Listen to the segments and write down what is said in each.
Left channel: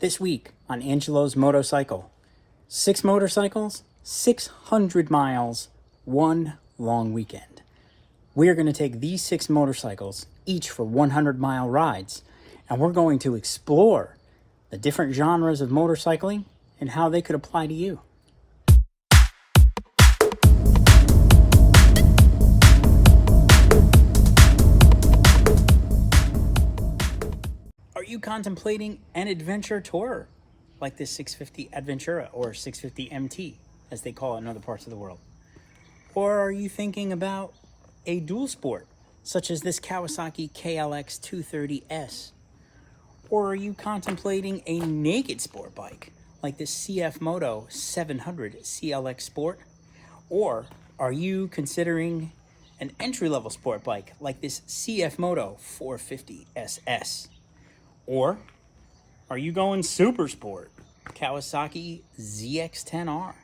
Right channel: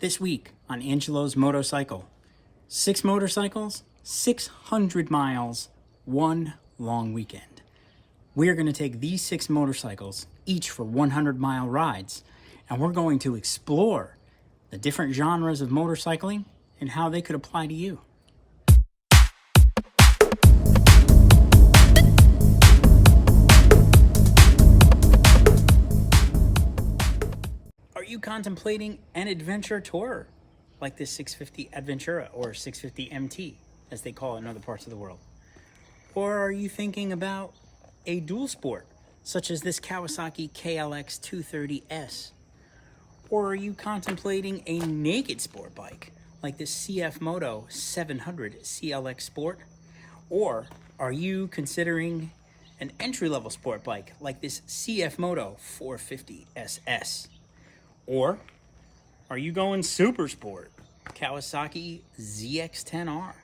This week on Angelo's Motorcycle, 6 motorcycles, 600 miles, 1 long weekend. We're going to take these 6 motorcycles, each for 100-mile rides, and we're going to explore the different genres of motorcycling and how they could apply to you. Are you contemplating an adventure tour like this 650 Adventura or 650 MT, as they call it in other parts of the world? Or are you thinking about a dual sport, such as this Kawasaki ZX10-R? Or are you contemplating a naked sport bike like this CFMOTO 700CL-X Sport? Or are you considering an entry-level sport bike like this CFMOTO 450 SS? Or are you going super sport, Kawasaki ZX10-R?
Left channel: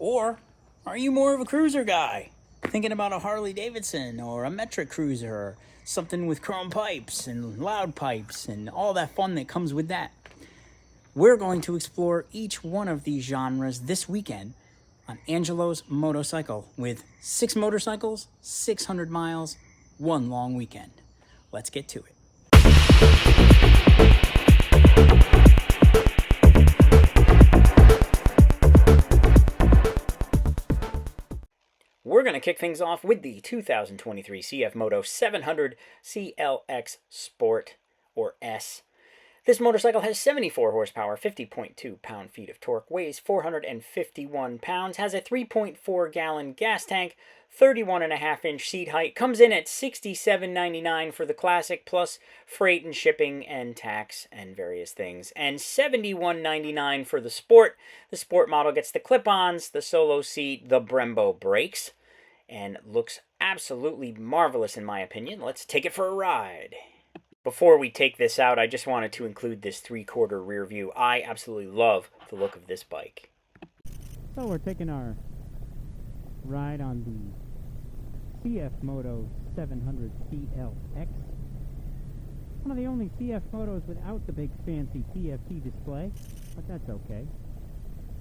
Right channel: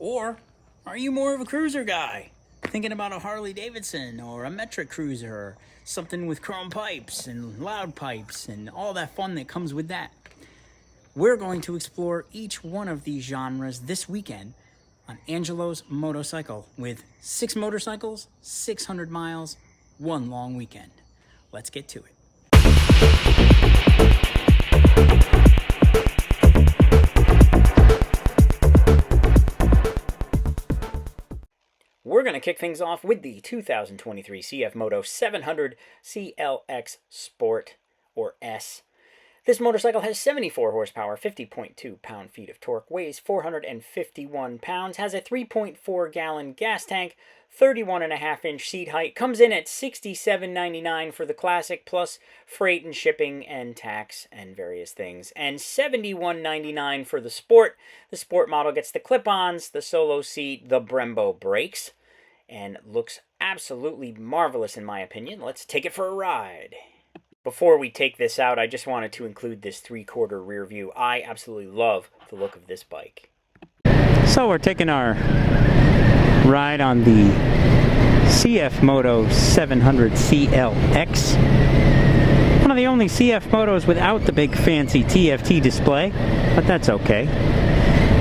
Or are you more of a cruiser guy, thinking about a Harley Davidson or a metric cruiser, or something with chrome pipes and loud pipes and all that fun that comes with that? We're going to explore each one of these genres this weekend on Angelo's Motorcycle with 6 motorcycles, 600 miles, 1 long weekend. Let's get to it. We're going to kick things off with the 2023 CFMOTO 700CL-X Sport, or S. This motorcycle has 74 horsepower, 50.2 pound-feet of torque, weighs 451 pounds, has a 3.4-gallon gas tank, 31.5-inch seat height, comes in at $67.99 for the Classic, plus freight and shipping and tax and various things, and $71.99 for the Sport. The Sport model gets the clip-ons, the solo seat, the Brembo brakes, and looks absolutely marvelous in my opinion. Let's take it for a ride. Before we take this out, I just wanted to include this 3/4 rear view. I absolutely love the look of this bike. So we're taking our ride on the CFMOTO 700CL-X. One of the only CFMOTOs without the big fancy TFT display, but that's okay.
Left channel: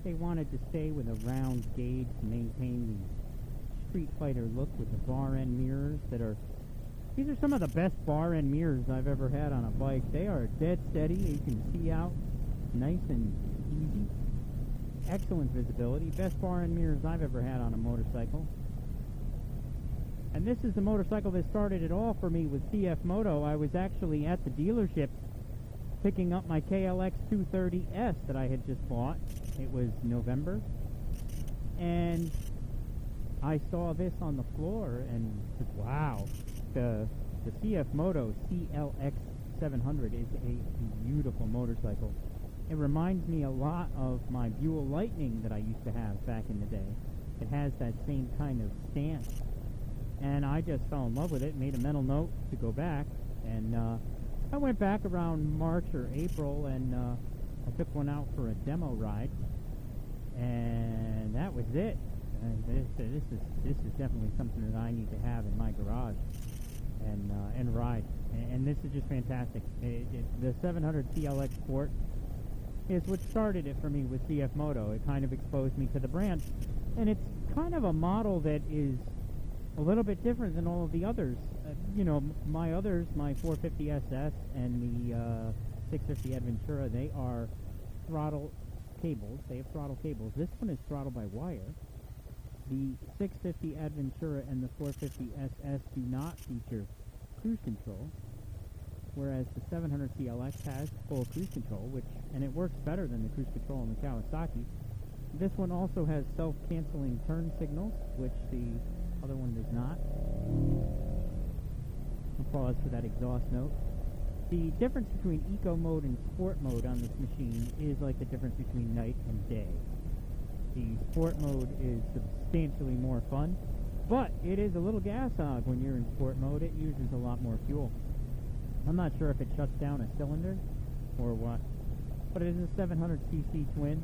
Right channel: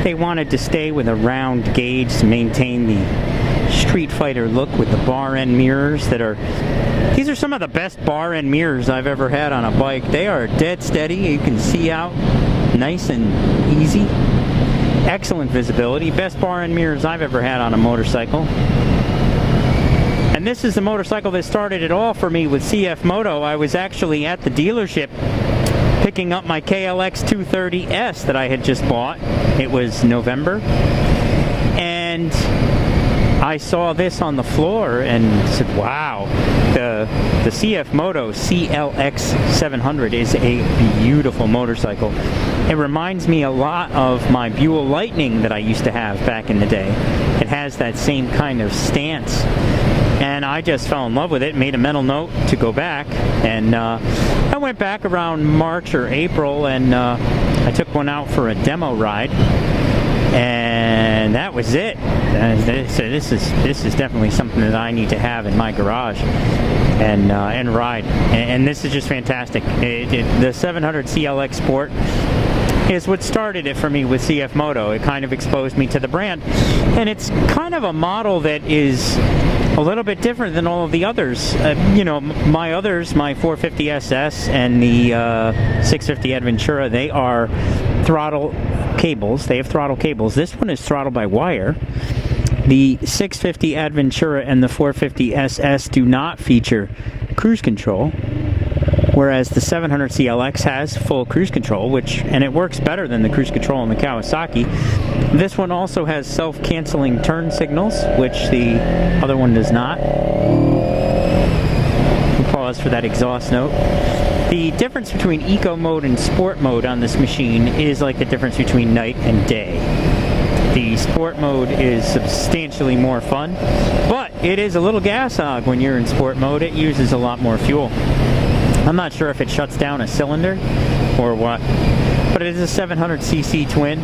They wanted to stay with a round gauge to maintain the Street Fighter look with the bar end mirrors that are... These are some of the best bar end mirrors I've ever had on a bike. They are dead steady. You can see out nice and easy. Excellent visibility. Best bar end mirrors I've ever had on a motorcycle. And this is the motorcycle that started it all for me with CFMOTO. I was actually at the dealership picking up my KLX 230S that I had just bought. It was November. And I saw this on the floor and said, wow, the CFMOTO CLX 700 is a beautiful motorcycle. It reminds me a lot of my Buell Lightning that I used to have back in the day. It has that same kind of stance. And I just fell in love with it, made a mental note to go back. And I went back around March or April, and I took one out for a demo ride. And that was it. So this is definitely something that I need to have in my garage and ride. And this is just fantastic. The 700CL-X Sport is what started it for me with CFMOTO. It kind of exposed me to the brand. And it's kind of a model that is a little bit different than all of the others. You know, my 450 SS and the 650 Adventura, they are throttle cables. They have throttle cables. This one is throttle by wire. The 650 Adventura and the 450 SS do not feature cruise control, whereas the 700CL-X has full cruise control, and it works better than the cruise control in the Kawasaki. This one also has self-canceling turn signals, which the other one does not. We'll pause for that exhaust note. The difference between eco mode and sport mode on this machine is like the difference between night and day. The sport mode is substantially more fun, but it is a little gas hog when you're in sport mode. It uses a lot more fuel. I'm not sure if it shuts down a cylinder or what, but it is a 700cc twin,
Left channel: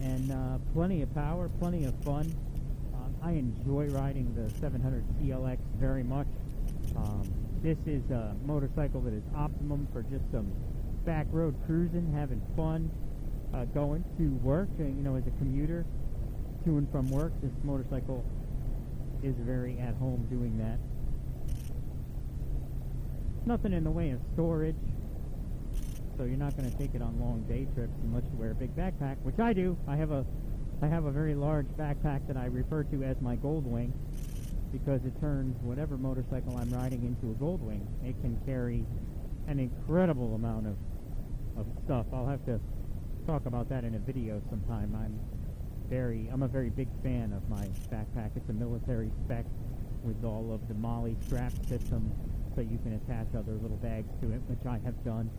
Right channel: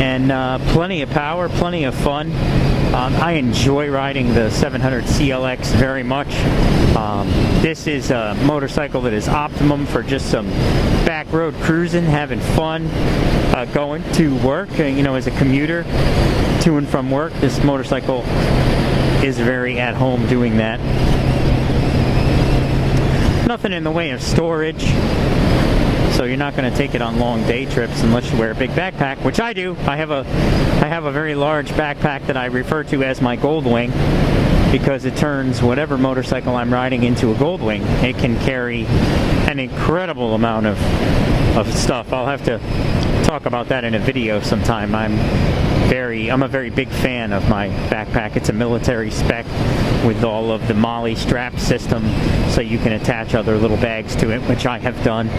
and plenty of power, plenty of fun. I enjoy riding the 700CL-X very much. This is a motorcycle that is optimum for just some back road cruising, having fun, going to work, you know, as a commuter to and from work. This motorcycle is very at home doing that. Nothing in the way of storage, so you're not going to take it on long day trips unless you wear a big backpack, which I do. I have a very large backpack that I refer to as my Goldwing, because it turns whatever motorcycle I'm riding into a Goldwing. It can carry an incredible amount of stuff. I'll have to talk about that in a video sometime. I'm a very big fan of my backpack. It's a military spec with all of the MOLLE strap system, so you can attach other little bags to it, which I have done.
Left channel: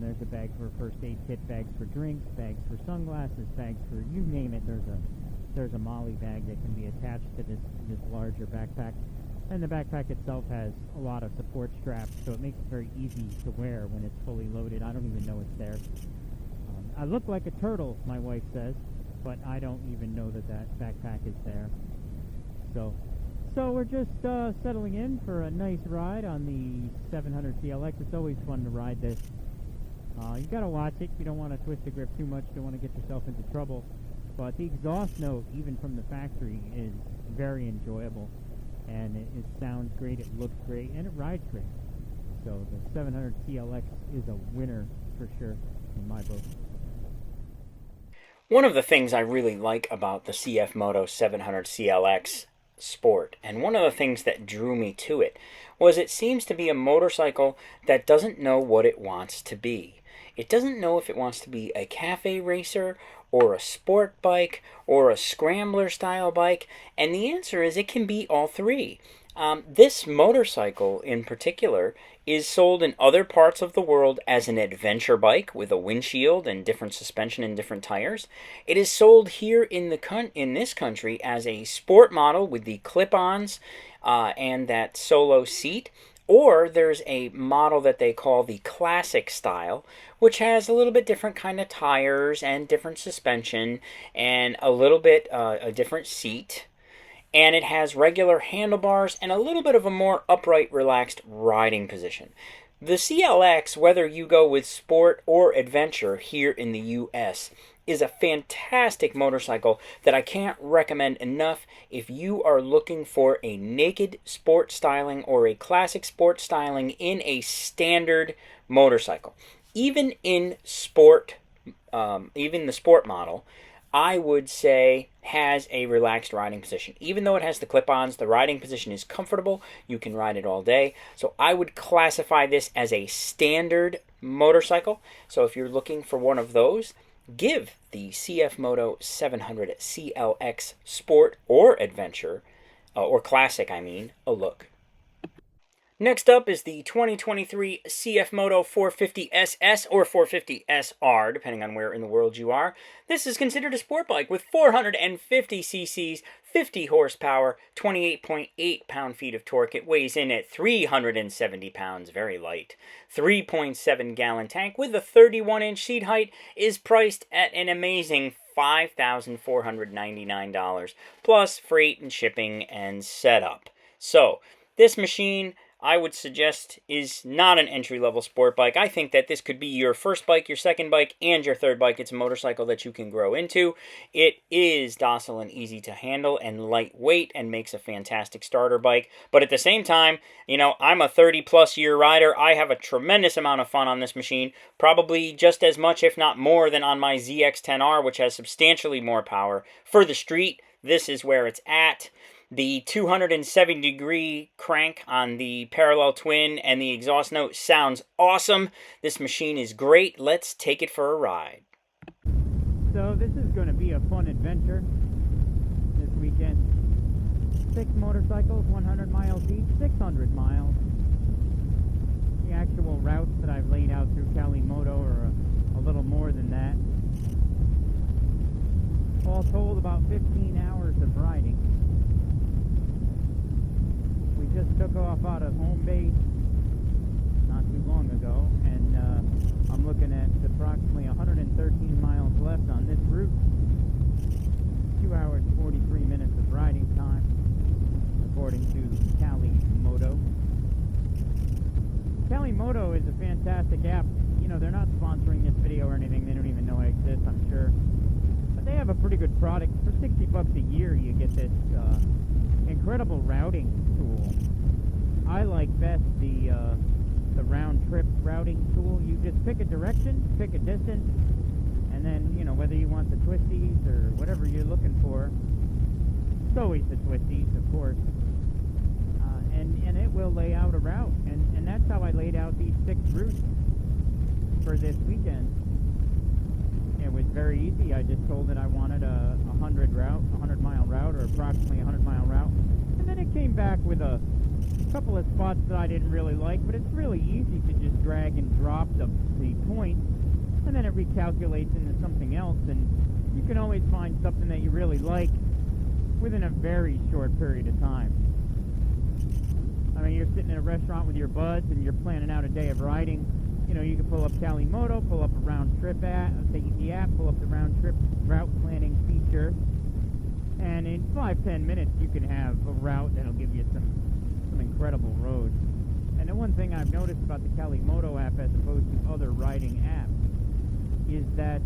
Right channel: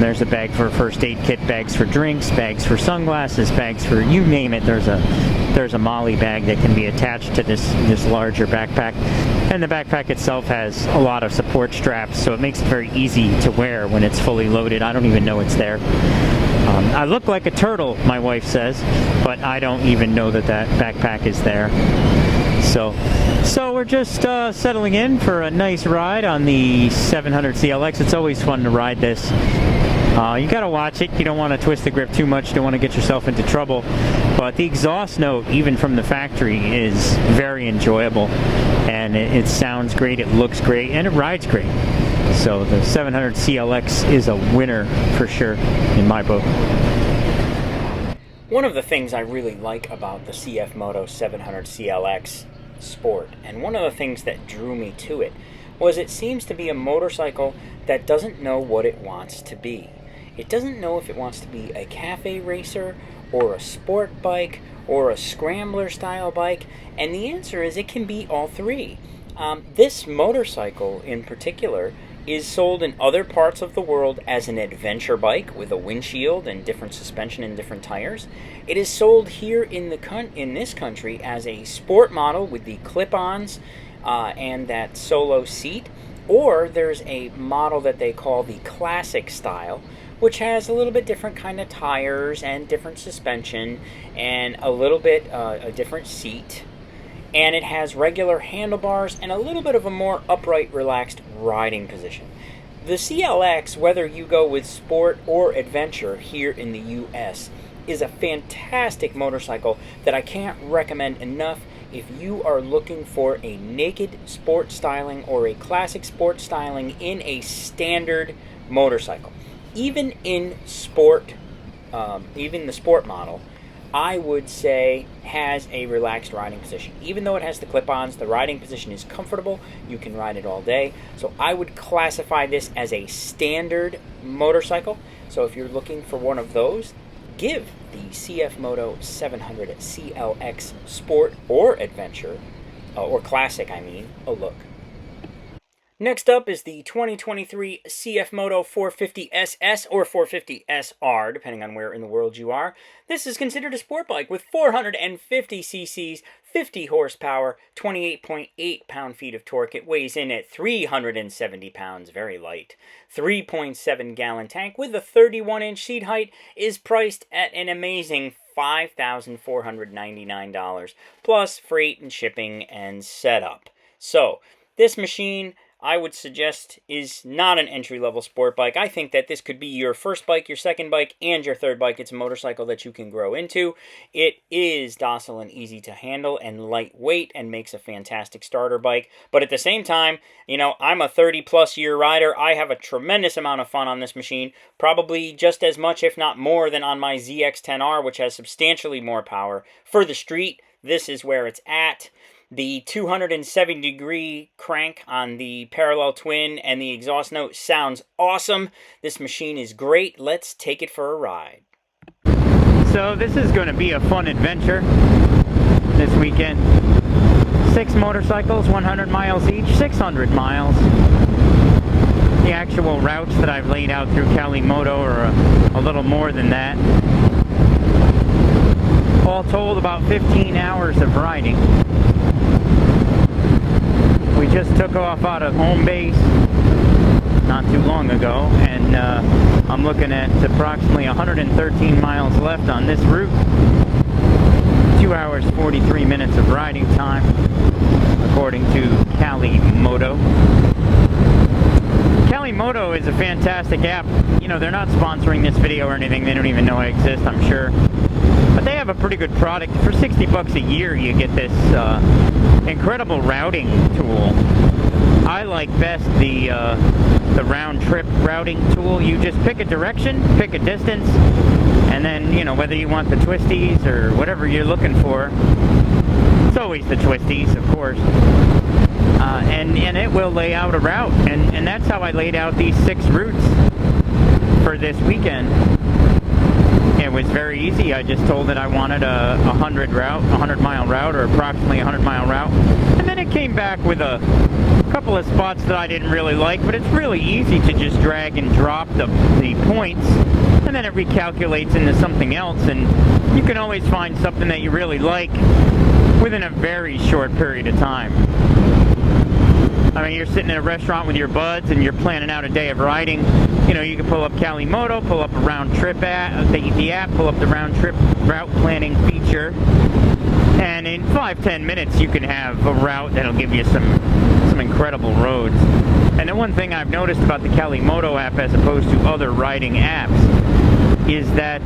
There's a bag for a first aid kit, bags for drinks, bags for sunglasses, bags for you name it. There's a MOLLE bag that can be attached to this larger backpack. And the backpack itself has a lot of support straps, so it makes it very easy to wear when it's fully loaded. I don't even know it's there. I look like a turtle, my wife says, but I don't even know that backpack is there. So we're just settling in for a nice ride on the 700CL-X. It's always fun to ride this. You gotta watch it. You don't want to twist the grip too much. You don't want to get yourself into trouble. But the exhaust note, even from the factory, is very enjoyable. And it sounds great, it looks great, and it rides great. So the 700CL-X is a winner for sure in my book. One of the things I really like about the CFMOTO 700CL-X Sport, and one of the things that drew me to it, was it seems to be a motorcycle that doesn't know what it wants to be. It doesn't know if it wants to be a cafe racer, or a sport bike, or a scrambler style bike, and the answer is it can be all three. This motorcycle in particular is sold in other parts of the world as an adventure bike with a windshield and different suspension and different tires. It is sold here in this country as a sport model with the clip-ons and that solo seat, or there's a model that they call the classic style, which has a little bit different kind of tires and different suspension and a little bit a different seat. And it has regular handlebars and a little bit of a more upright, relaxed riding position. The CLX, whether you go with sport or adventure here in the US, is a fantastic motorcycle that I can't recommend enough if you are looking for a naked sport styling or a classic sport styling in a standard motorcycle. Even in sport, even the sport model, I would say has a relaxed riding position. Even though it has the clip-ons, the riding position is comfortable. You can ride it all day. So I would classify this as a standard motorcycle. So if you're looking for one of those, give the CFMOTO 700CL-X Sport or Adventure, or Classic I mean, a look. Next up is the 2023 CFMOTO 450SS or 450SR, depending on where in the world you are. This is considered a sport bike with 450 cc's, 50 horsepower, 28.8 pound-feet of torque. It weighs in at 370 pounds, very light. 3.7 gallon tank with a 31-inch seat height is priced at an amazing $5,499, plus freight and shipping and setup. So, this machine, I would suggest, is not an entry-level sport bike. I think that this could be your first bike, your second bike, and your third bike. It's a motorcycle that you can grow into. It is docile and easy to handle and lightweight and makes a fantastic starter bike. But at the same time, you know, I'm a 30-plus year rider. I have a tremendous amount of fun on this machine, probably just as much, if not more, than on my ZX10R, which has substantially more power. For the street, this is where it's at. The 270-degree crank on the parallel twin and the exhaust note sounds awesome. This machine is great. Let's take it for a ride. So this is going to be a fun adventure this weekend. 6 motorcycles, 100 miles each, 600 miles. The actual routes that I've laid out through Kawasaki are a little more than that. All told, about 15 hours of riding. We just took off out of home base not too long ago, and I'm looking at approximately 113 miles left on this route. 2 hours, 43 minutes of riding time, according to CFMOTO. CFMOTO is a fantastic app. You know, they're not sponsoring this video or anything. They don't even know I exist, I'm sure. But they have a pretty good product. For 60 bucks a year, you get this incredible routing tool. I like best the round-trip routing tool. You just pick a direction, pick a distance, and then, you know, whether you want the twisties or whatever you're looking for. It's always the twisties, of course. And it will lay out a route. And that's how I laid out these 6 routes for this weekend. It was very easy. I just told it I wanted a 100-mile route, or approximately 100-mile route. And then it came back with a couple of spots that I didn't really like, but it's really easy to just drag and drop the points, and then it recalculates into something else, and you can always find something that you really like within a very short period of time. I mean, you're sitting in a restaurant with your buds and you're planning out a day of riding. You know, you can pull up CFMOTO, pull up a round trip app, the app, pull up the round trip route planning feature, and in 5-10 minutes you can have a route that'll give you some incredible roads. And the one thing I've noticed about the CFMOTO app as opposed to other riding apps is that,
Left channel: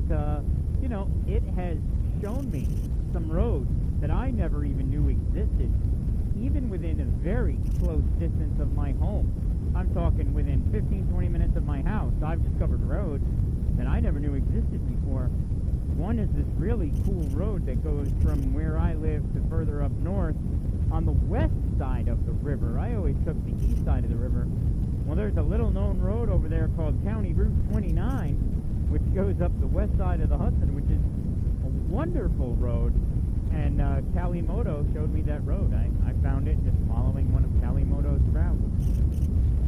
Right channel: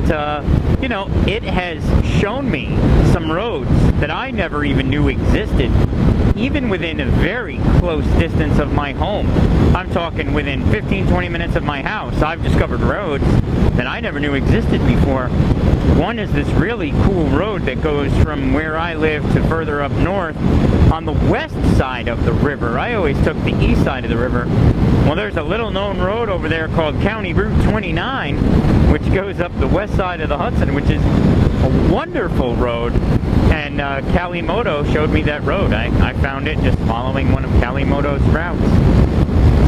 you know, it has shown me some roads that I never even knew existed, even within a very close distance of my home. I'm talking within 15-20 minutes of my house. I've discovered roads that I never knew existed before. One is this really cool road that goes from where I live to further up north on the west side of the river. I always took the east side of the river. Well, there's a little known road over there called County Route 29, which goes up the west side of the Hudson, which is a wonderful road. And CFMOTO showed me that road. I found it just following one of CFMOTO's routes.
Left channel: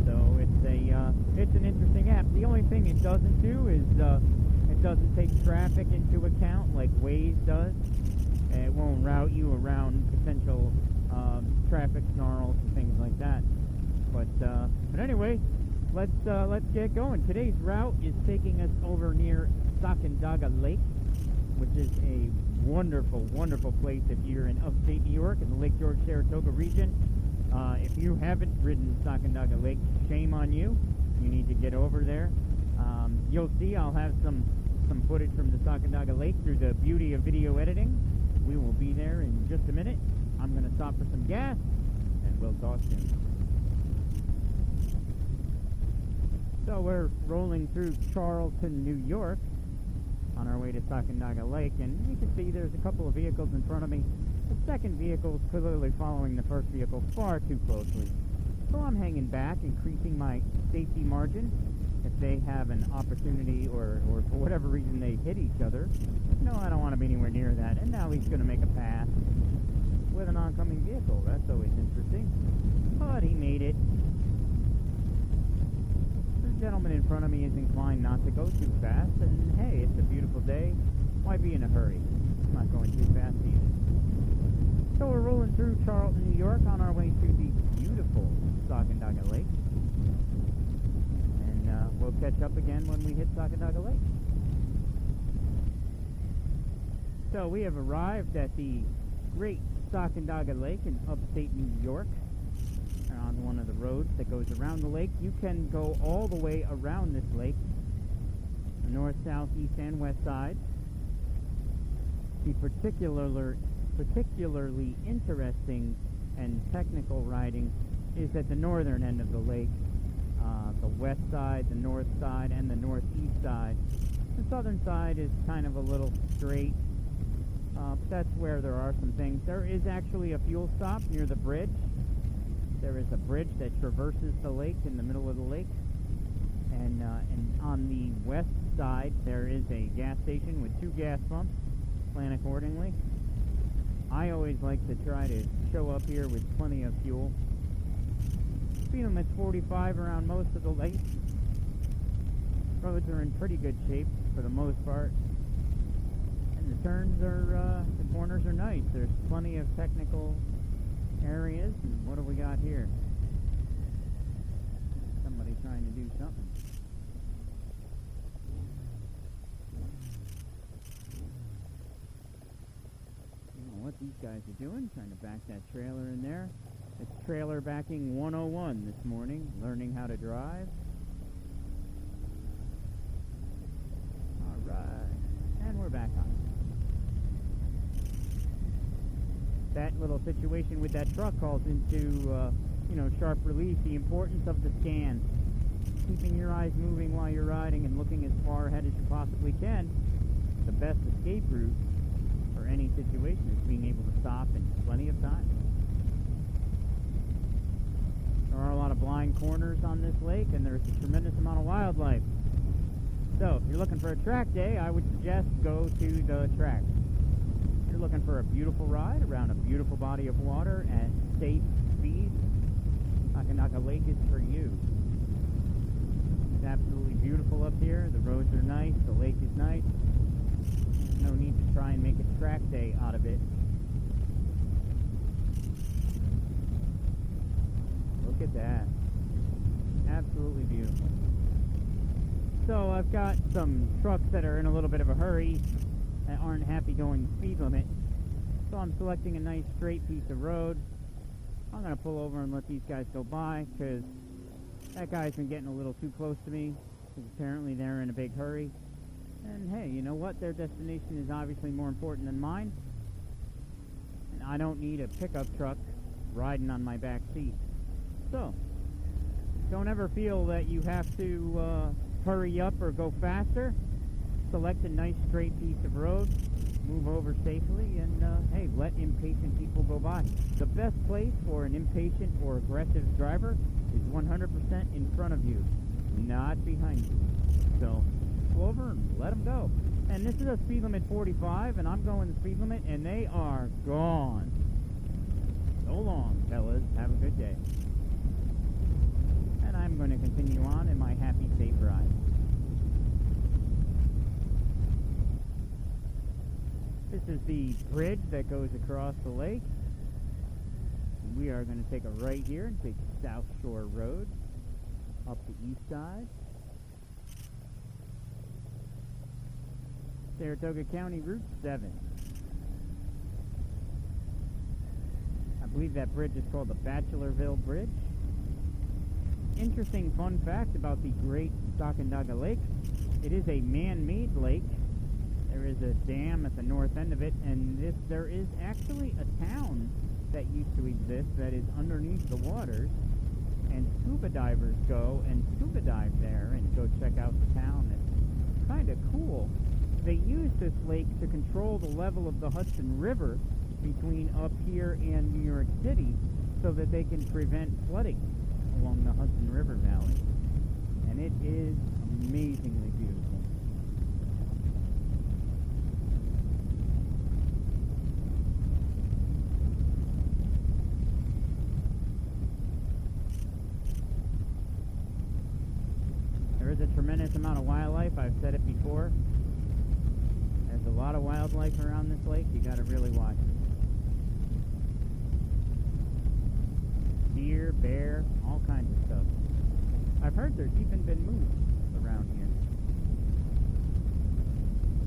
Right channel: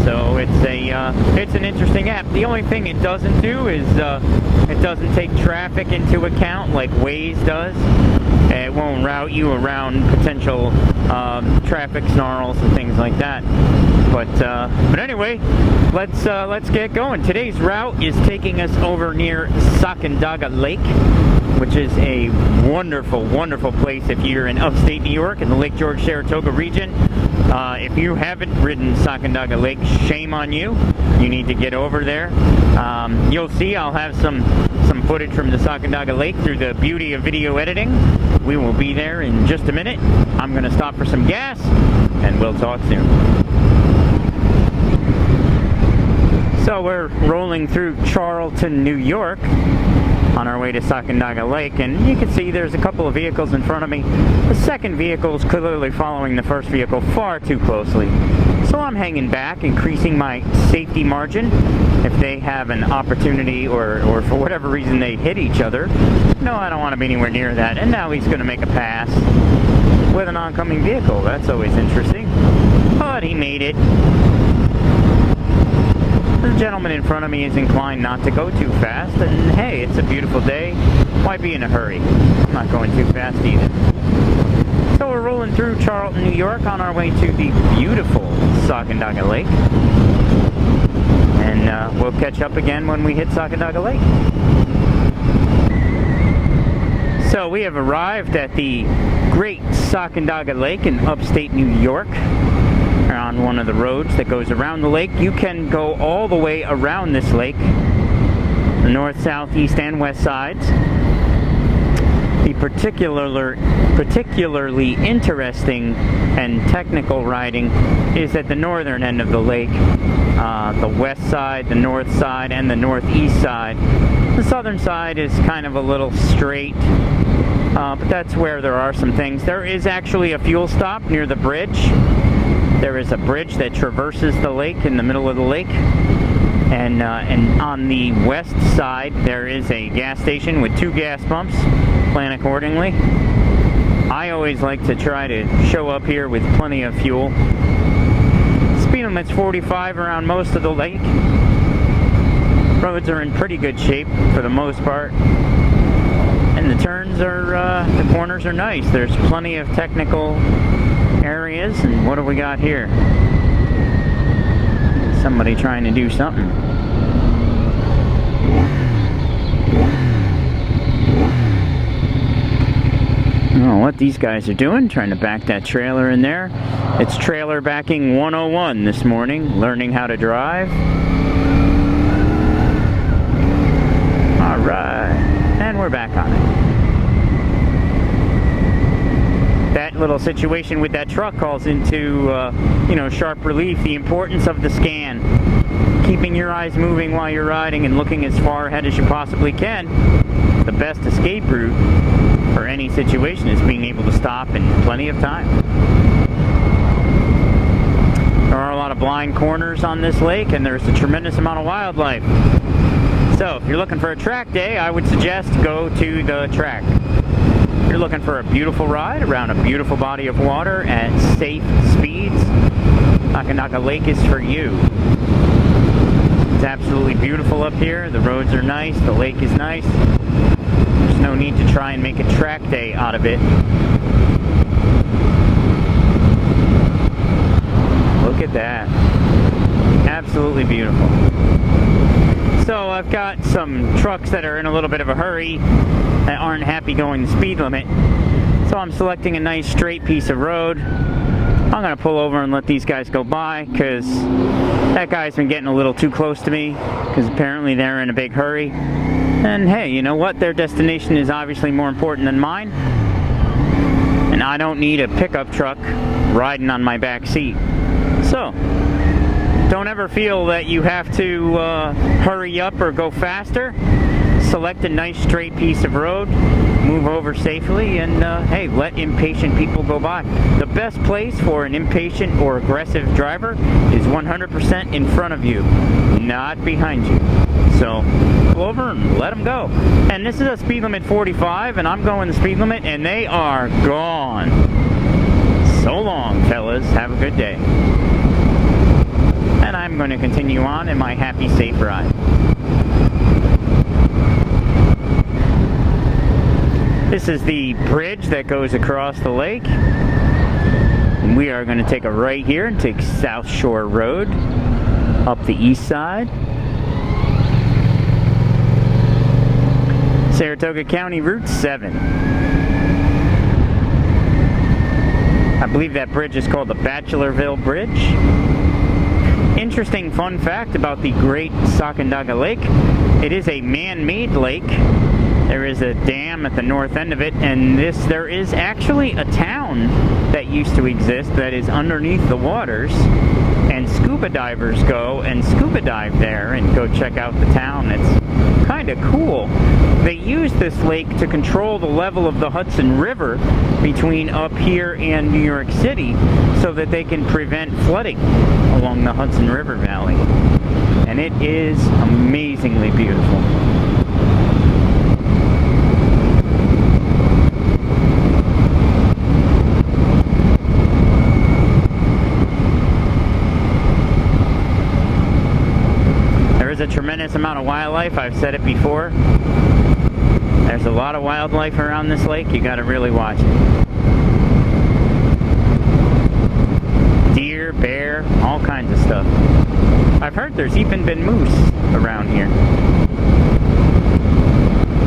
So it's an interesting app. The only thing it doesn't do is it doesn't take traffic into account like Waze does. It won't route you around potential traffic snarls and things like that. But anyway, let's get going. Today's route is taking us over near Sacandaga Lake, which is a wonderful, wonderful place if you're in upstate New York in the Lake George-Saratoga region. If you haven't ridden Sacandaga Lake, shame on you. You need to get over there. You'll see I'll have some footage from the Sacandaga Lake through the beauty of video editing. We will be there in just a minute. I'm going to stop for some gas, and we'll talk soon. So we're rolling through Charlton, New York, on our way to Sacandaga Lake, and you can see there's a couple of vehicles in front of me. The second vehicle is clearly following the first vehicle far too closely. So I'm hanging back, increasing my safety margin. If they have an opportunity or for whatever reason they hit each other, no, I don't want to be anywhere near that. And now he's going to make a pass with an oncoming vehicle. That's always interesting. But he made it. The gentleman in front of me is inclined not to go too fast, and hey, it's a beautiful day. Why be in a hurry? I'm not going too fast either. So we're rolling through Charlton, New York on our way to the beautiful Sacandaga Lake. And we'll catch up again when we hit Sacandaga Lake. So we have arrived at the Great Sacandaga Lake in upstate New York. On one of the roads that goes around the lake. You can go all the way around this lake, the north, south, east, and west sides. The particularly interesting and technical riding is at the northern end of the lake, the west side, the north side, and the northeast side. The southern side is kind of a little straight, but that's where there are some things. There is actually a fuel stop near the bridge. There is a bridge that traverses the lake in the middle of the lake, and on the west side there is a gas station with 2 gas pumps. Plan accordingly. I always like to try to show up here with plenty of fuel. Speed limit's 45 around most of the lake. Roads are in pretty good shape for the most part, and the turns are, the corners are nice. There's plenty of technical areas. And what do we got here? Somebody trying to do something. don't know what these guys are doing, trying to back that trailer in there. It's trailer backing 101 this morning, learning how to drive. All right, and we're back on it. That little situation with that truck calls into, you know, sharp relief the importance of the scan. Keeping your eyes moving while you're riding and looking as far ahead as you possibly can. The best escape route for any situation is being able to stop in plenty of time. There are a lot of blind corners on this lake, and there's a tremendous amount of wildlife. So if you're looking for a track day, I would suggest go to the track. If you're looking for a beautiful ride around a beautiful body of water at safe speeds, Adirondacks Lake is for you. It's absolutely beautiful up here. The roads are nice. The lake is nice. There's no need to try and make a track day out of it. Look at that. Absolutely beautiful. So I've got some trucks that are in a little bit of a hurry that aren't happy going the speed limit. So I'm selecting a nice straight piece of road. I'm going to pull over and let these guys go by because that guy's been getting a little too close to me because apparently they're in a big hurry. And hey, you know what? Their destination is obviously more important than mine. And I don't need a pickup truck riding on my back seat. So, don't ever feel that you have to hurry up or go faster. Select a nice straight piece of road, move over safely, and hey, let impatient people go by. The best place for an impatient or aggressive driver is 100% in front of you, not behind you. So pull over and let them go. And this is a speed limit 45, and I'm going the speed limit, and they are gone. So long, fellas. Have a good day. And I'm going to continue on in my happy, safe ride. This is the bridge that goes across the lake. And we are going to take a right here and take South Shore Road up the east side. Saratoga County Route 7. I believe that bridge is called the Bachelorville Bridge. Interesting fun fact about the Great Sacandaga Lake. It is a man-made lake. There is a dam at the north end of it, and there is actually a town that used to exist that is underneath the waters, and scuba divers go and scuba dive there and go check out the town. It's kind of cool. They use this lake to control the level of the Hudson River between up here and New York City so that they can prevent flooding along the Hudson River Valley. And it is amazingly beautiful. A tremendous amount of wildlife. I've said it before. There's a lot of wildlife around this lake. You got to really watch it. Deer, bear, all kinds of stuff. I've heard there's even been moose around here.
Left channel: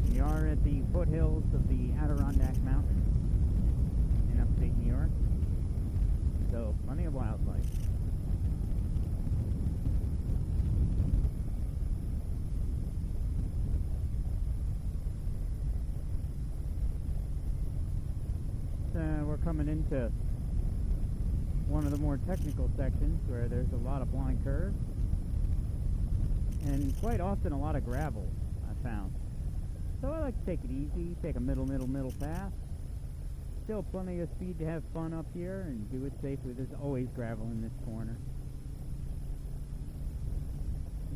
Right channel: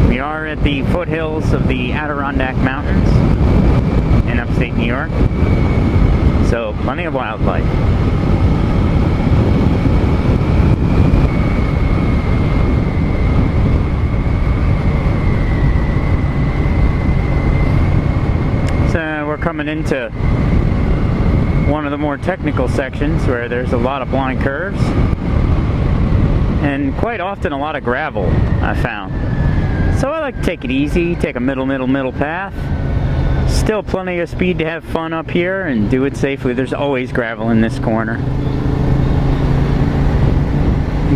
We are at the foothills of the Adirondack Mountains in upstate New York. So plenty of wildlife. We're coming into one of the more technical sections where there's a lot of blind curves and quite often a lot of gravel, I found. So I like to take it easy, take a middle path. Still plenty of speed to have fun up here and do it safely. There's always gravel in this corner.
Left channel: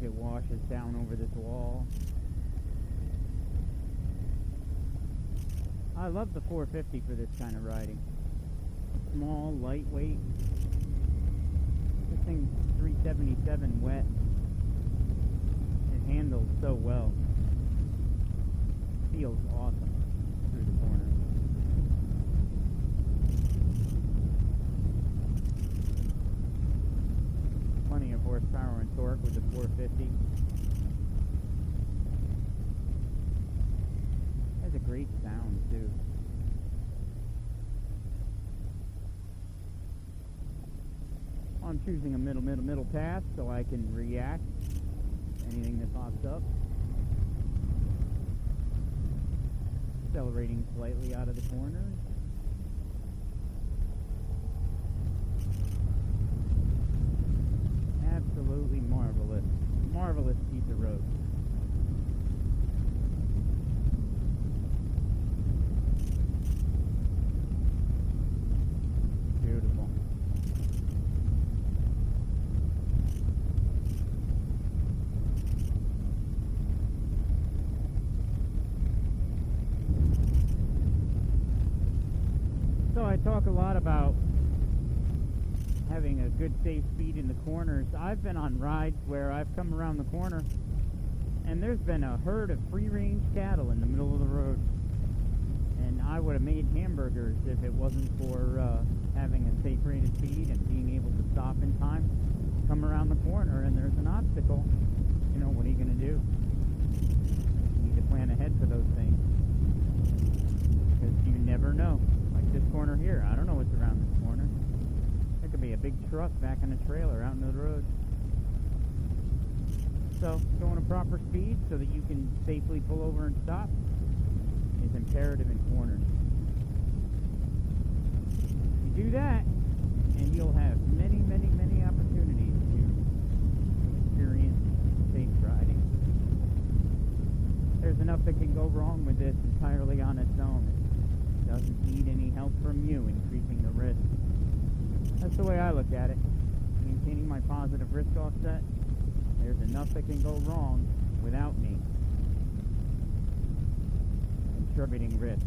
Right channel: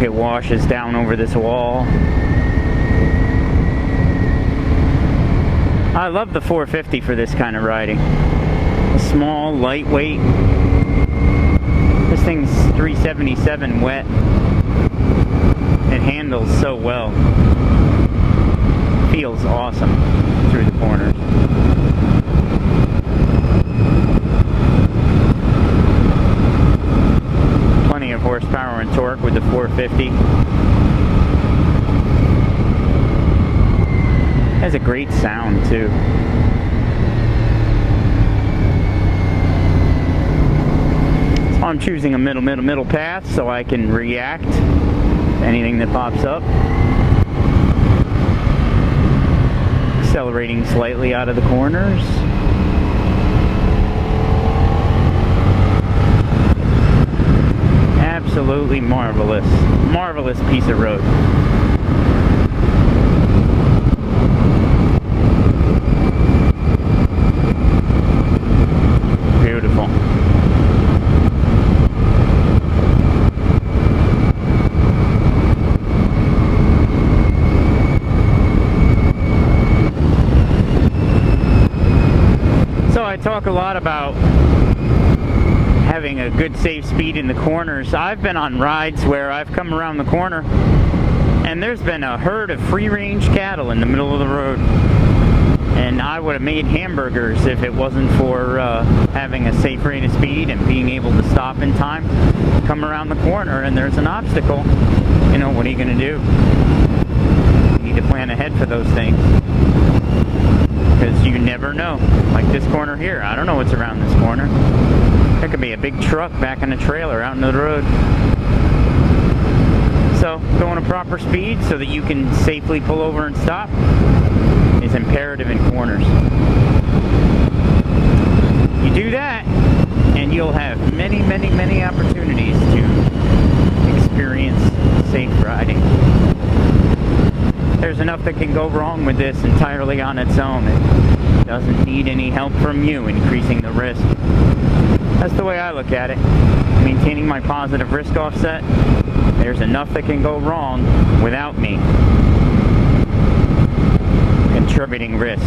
It washes down over this wall. I love the 450 for this kind of riding. Small, lightweight. This thing's 377 wet. It handles so well. Feels awesome through the corners. Plenty of horsepower and torque with the 450. Has a great sound too. I'm choosing a middle path so I can react to anything that pops up. Accelerating slightly out of the corners. Absolutely marvelous. Marvelous piece of road. Beautiful. So I talk a lot about having a good safe speed in the corners. I've been on rides where I've come around the corner and there's been a herd of free-range cattle in the middle of the road, and I would have made hamburgers if it wasn't for having a safe rate of speed and being able to stop in time. Come around the corner and there's an obstacle, you know, what are you going to do? You need to plan ahead for those things, because you never know. Like this corner here, I don't know what's around this corner. There could be a big truck backing a trailer out into the road. So, going at proper speed so that you can safely pull over and stop is imperative in corners. You do that, and you'll have many, many, many opportunities to experience safe riding. There's enough that can go wrong with this entirely on its own. It doesn't need any help from you increasing the risk. That's the way I look at it. Maintaining my positive risk offset, there's enough that can go wrong without me contributing risk.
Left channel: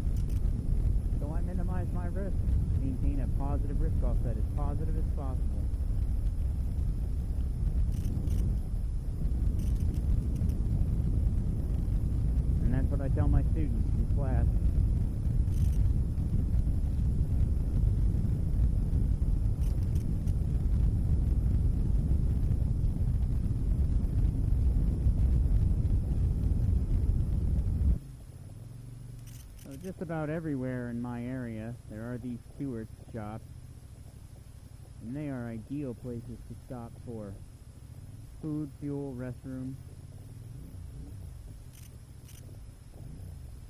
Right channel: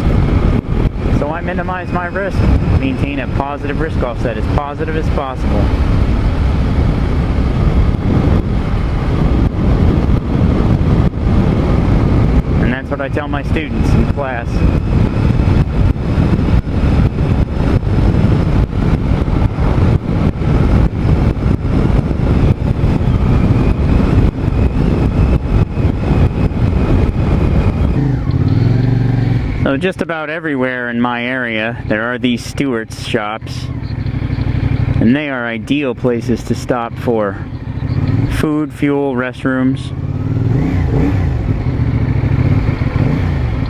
So I minimize my risk, maintain a positive risk offset as positive as possible. And that's what I tell my students in class. So just about everywhere in my area there are these Stewart's shops, and they are ideal places to stop for food, fuel, restrooms.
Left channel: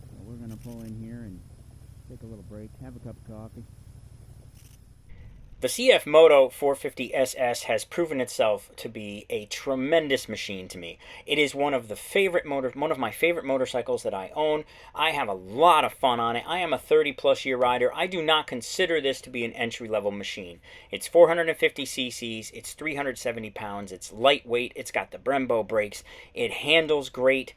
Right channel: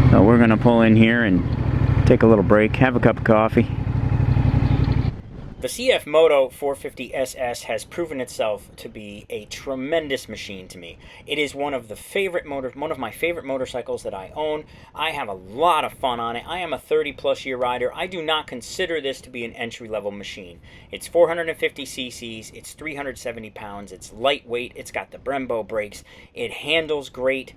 So we're gonna pull in here and take a little break, have a cup of coffee. The CFMOTO 450 SS has proven itself to be a tremendous machine to me. It is one of my favorite motorcycles that I own. I have a lot of fun on it. I am a 30-plus year rider. I do not consider this to be an entry-level machine. It's 450 cc's, it's 370 pounds, it's lightweight, it's got the Brembo brakes, it handles great.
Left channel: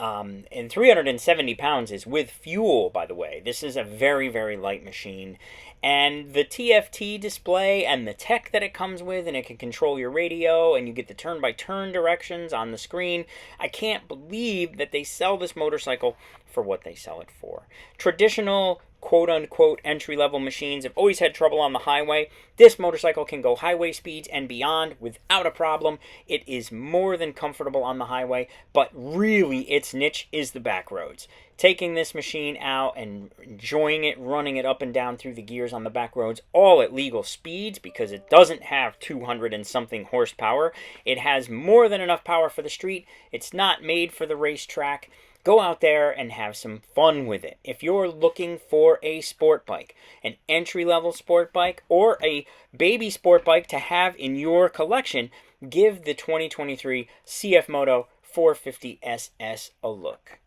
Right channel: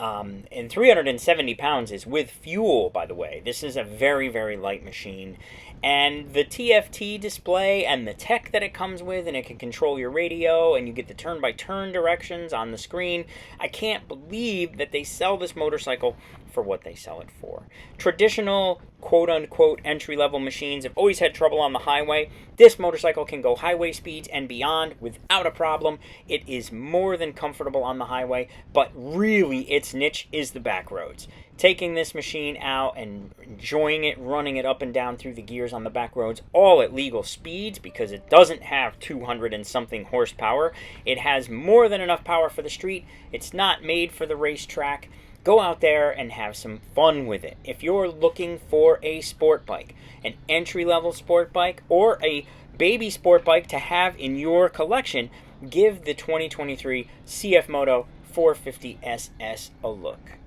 And 370 pounds is with fuel, by the way. This is a very, very light machine. And the TFT display and the tech that it comes with, and it can control your radio, and you get the turn-by-turn directions on the screen. I can't believe that they sell this motorcycle for what they sell it for. Traditional, quote-unquote, entry-level machines have always had trouble on the highway. This motorcycle can go highway speeds and beyond without a problem. It is more than comfortable on the highway, but really its niche is the back roads. Taking this machine out and enjoying it, running it up and down through the gears on the back roads, all at legal speeds, because it doesn't have 200 and something horsepower. It has more than enough power for the street. It's not made for the racetrack. Go out there and have some fun with it. If you're looking for a sport bike, an entry-level sport bike, or a baby sport bike to have in your collection, give the 2023 CFMOTO 450 SS a look.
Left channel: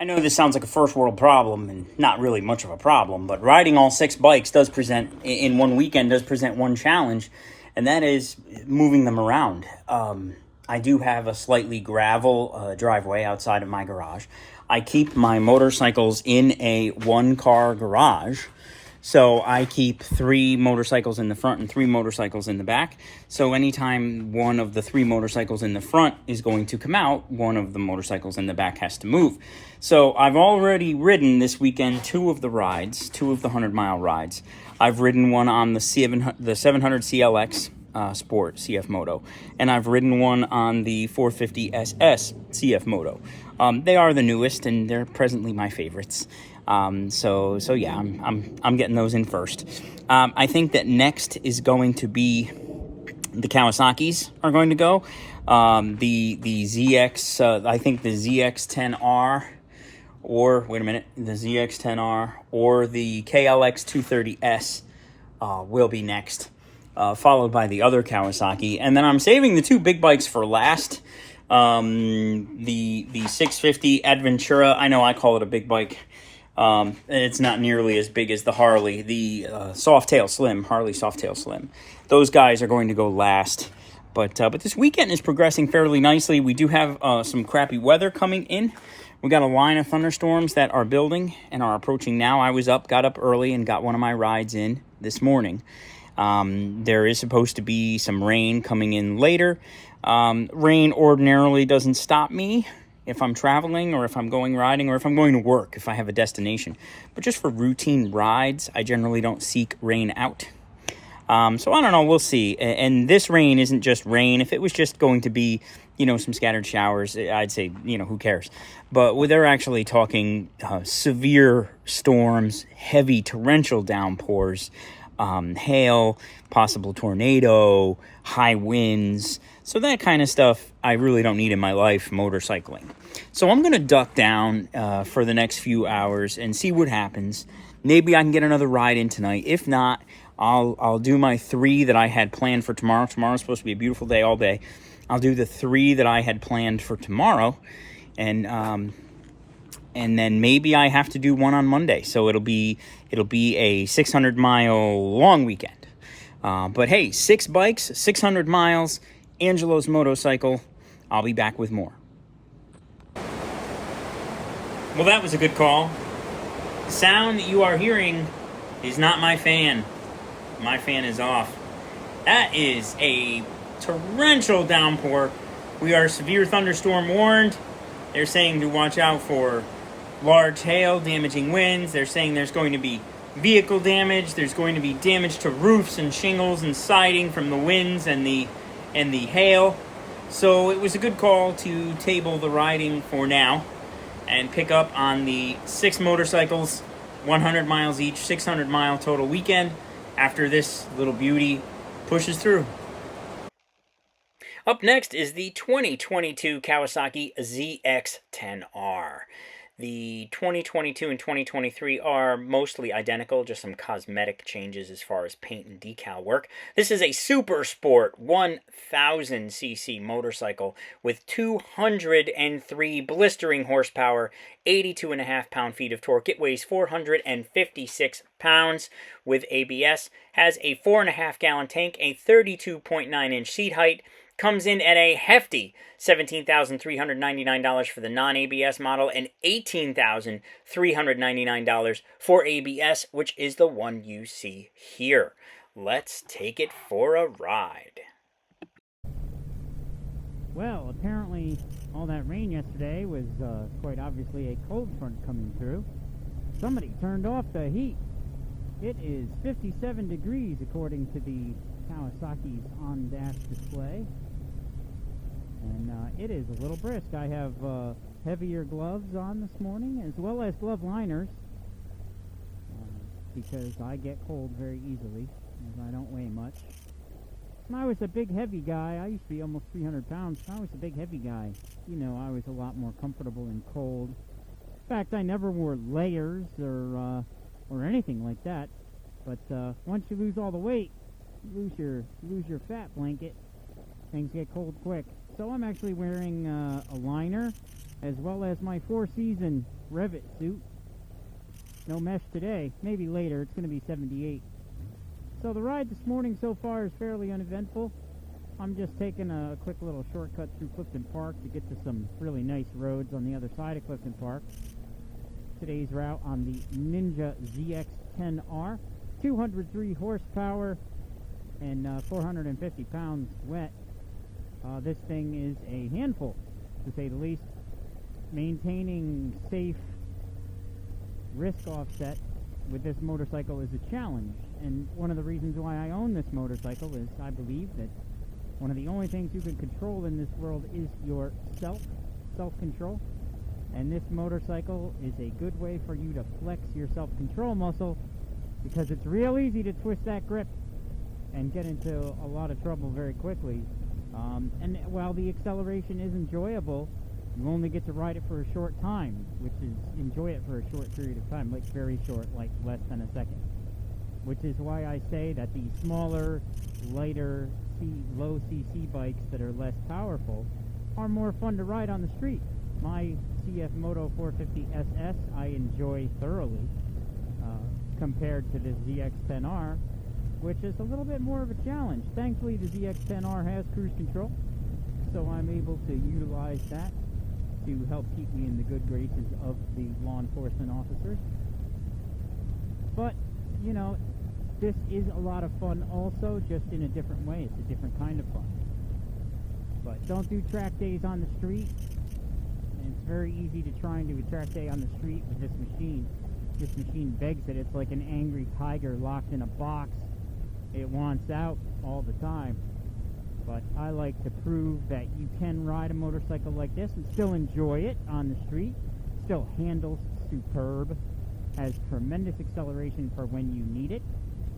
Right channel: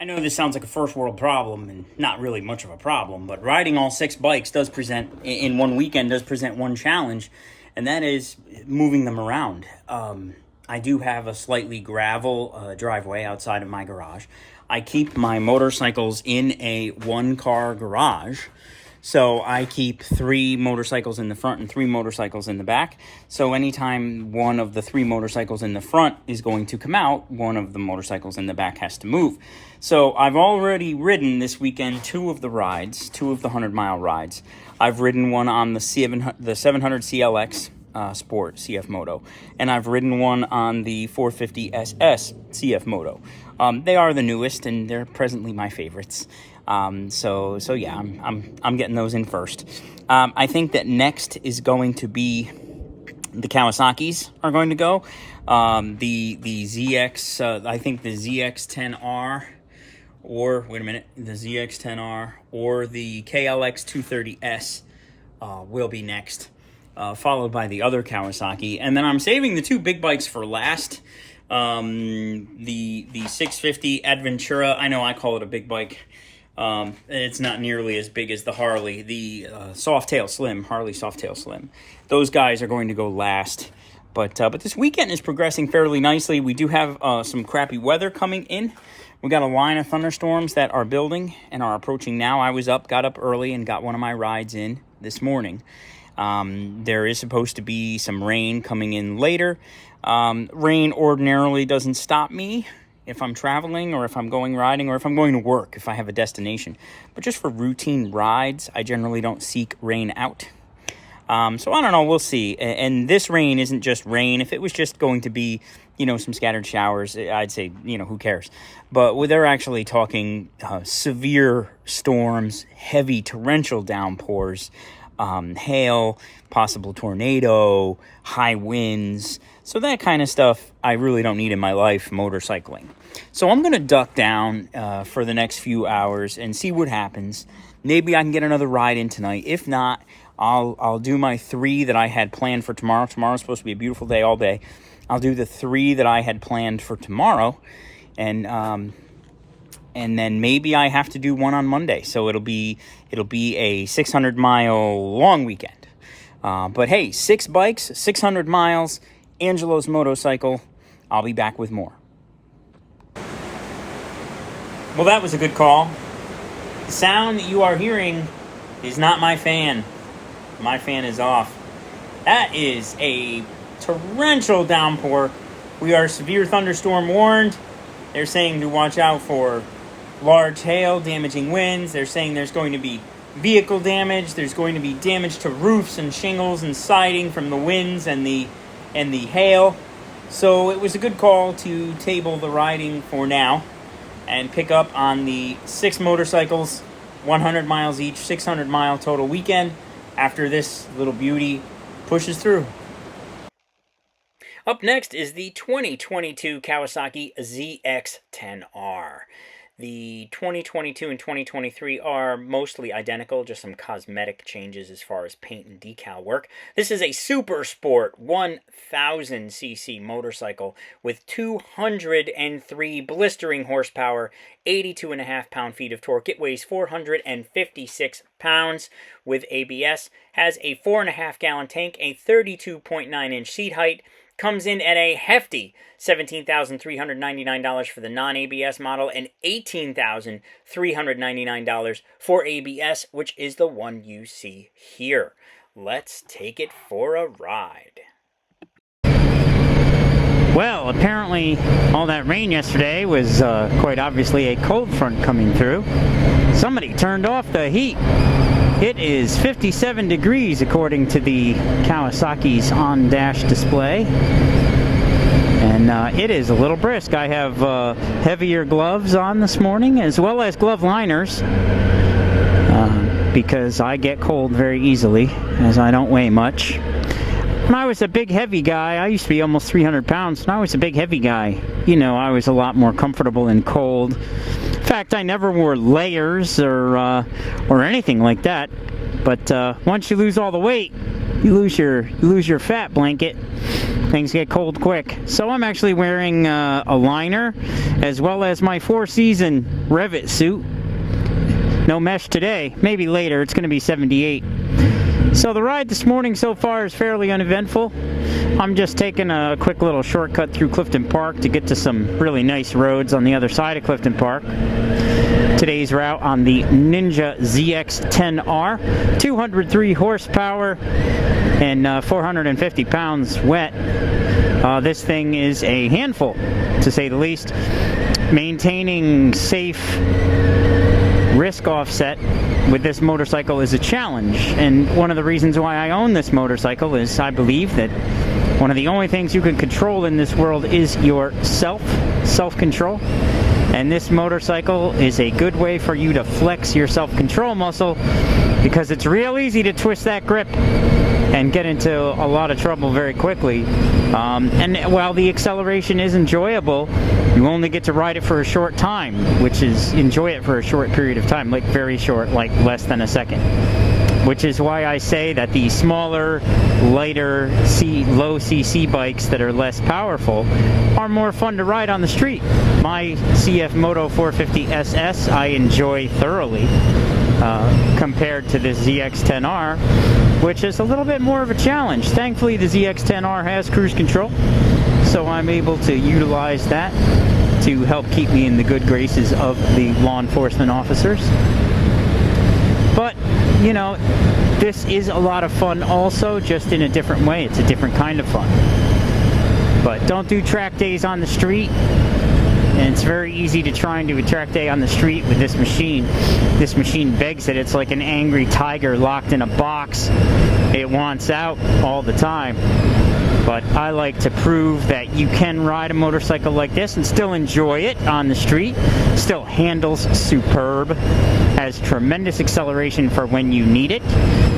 I know this sounds like a first world problem, and not really much of a problem, but riding all 6 bikes does present, in one weekend, does present one challenge, and that is moving them around. I do have a slightly gravel driveway outside of my garage. I keep my motorcycles in a one-car garage, so I keep 3 motorcycles in the front and 3 motorcycles in the back. So anytime one of the 3 motorcycles in the front is going to come out, one of the motorcycles in the back has to move. So I've already ridden this weekend 2 of the rides, 2 of the 100-mile rides. I've ridden one on the 700CL-X Sport CFMOTO, and I've ridden one on the 450SS CFMOTO. They are the newest, and they're presently my favorites. So yeah, I'm getting those in first. I think that next is going to be the Kawasaki's are going to go. The ZX, I think the ZX10R, or wait a minute, the ZX10R or the KLX230S will be next, followed by the other Kawasaki, and then I'm saving the two big bikes for last. The 650 Adventura, I know I call it a big bike. It's not nearly as big as the Harley, the Softail Slim, Harley Softail Slim. Those guys are going to go last. But this weekend is progressing fairly nicely. We do have some crappy weather coming in. We got a line of thunderstorms that are building and are approaching now. I got up early and got one of my rides in this morning. There is supposed to be some rain coming in later. Rain ordinarily doesn't stop me if I'm traveling or if I'm going riding or if I'm going to work, if I have a destination. But just for routine rides, I generally don't seek rain out. So I don't know, we'll see. And this rain isn't just rain. If it was just going to be, some scattered showers, I'd say, who cares? But they're actually talking severe storms, heavy torrential downpours, hail, possible tornado, high winds. So that kind of stuff I really don't need in my life motorcycling. So I'm going to duck down for the next few hours and see what happens. Maybe I can get another ride in tonight. If not, I'll do my 3 that I had planned for tomorrow. Tomorrow's supposed to be a beautiful day all day. I'll do the 3 that I had planned for tomorrow, and then maybe I have to do one on Monday. So it'll be a 600-mile long weekend. But hey, 6 bikes, 600 miles, Angelo's motorcycle. I'll be back with more. Well, that was a good call. The sound that you are hearing is not my fan. My fan is off. That is a torrential downpour. We are severe thunderstorm warned. They're saying to watch out for large hail, damaging winds. They're saying there's going to be vehicle damage. There's going to be damage to roofs and shingles and siding from the winds and the hail. So it was a good call to table the riding for now and pick up on the 6 motorcycles, 100 miles each, 600-mile total weekend after this little beauty pushes through. Up next is the 2022 Kawasaki ZX10R. The 2022 and 2023 are mostly identical, just some cosmetic changes as far as paint and decal work. This is a super sport 1000cc motorcycle with 203 blistering horsepower, 82.5 pound-feet of torque. It weighs 456 pounds with ABS, has a 4.5-gallon tank, a 32.9-inch seat height, comes in at a hefty $17,399 for the non-ABS model and $18,399 for ABS, which is the one you see here. Let's take it for a ride. Well, apparently all that rain yesterday was quite obviously a cold front coming through. Somebody turned off the heat. It is 57 degrees according to the Kawasaki's on-dash display. And it is a little brisk. I have heavier gloves on this morning as well as glove liners because I get cold very easily as I don't weigh much. When I was a big heavy guy, I used to be almost 300 pounds, and I was a big heavy guy. I was a lot more comfortable in cold. In fact, I never wore layers or anything like that. But once you lose all the weight, you lose your fat blanket. Things get cold quick. So I'm actually wearing a liner as well as my 4-season Revit suit. No mesh today. Maybe later. It's going to be 78. So the ride this morning so far is fairly uneventful. I'm just taking a quick little shortcut through Clifton Park to get to some really nice roads on the other side of Clifton Park. Today's route on the Ninja ZX10R, 203 horsepower and 450 pounds wet. This thing is a handful, to say the least. Maintaining safe risk offset with this motorcycle is a challenge. And one of the reasons why I own this motorcycle is I believe that one of the only things you can control in this world is your self-control. And this motorcycle is a good way for you to flex your self-control muscle, because it's real easy to twist that grip and get into a lot of trouble very quickly. And while the acceleration is enjoyable, you only get to ride it for a short time, which is enjoy it for a short period of time, like very short, like less than a second. Which is why I say that the smaller, lighter, low CC bikes that are less powerful are more fun to ride on the street. My CFMOTO 450 SS I enjoy thoroughly compared to the ZX10R, which is a little bit more of a challenge. Thankfully, the ZX10R has cruise control, so I'm able to utilize that to help keep me in the good graces of the law enforcement officers. But, you know, this is a lot of fun also, just in a different way. It's a different kind of fun. But don't do track days on the street. And it's very easy to try and do a track day on the street with this machine. This machine begs it. It's like an angry tiger locked in a box. It wants out all the time. But I like to prove that you can ride a motorcycle like this and still enjoy it on the street. Still handles superb, has tremendous acceleration for when you need it,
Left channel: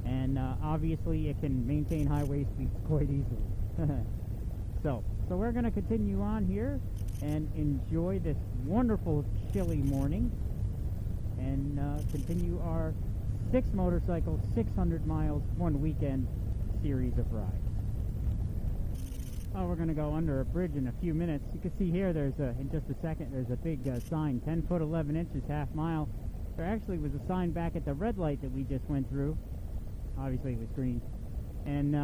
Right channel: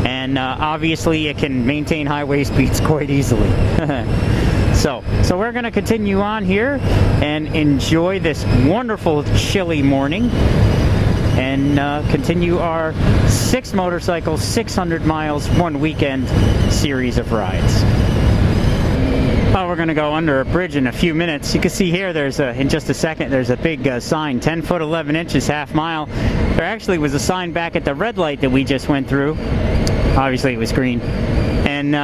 and obviously it can maintain highway speeds quite easily. So we're going to continue on here and enjoy this wonderful chilly morning, and continue our 6 motorcycles, 600 miles, 1 weekend series of rides. Oh, we're going to go under a bridge in a few minutes. You can see here, in just a second, there's a big sign, 10 foot 11 inches, half mile. There actually was a sign back at the red light that we just went through. Obviously it was green. And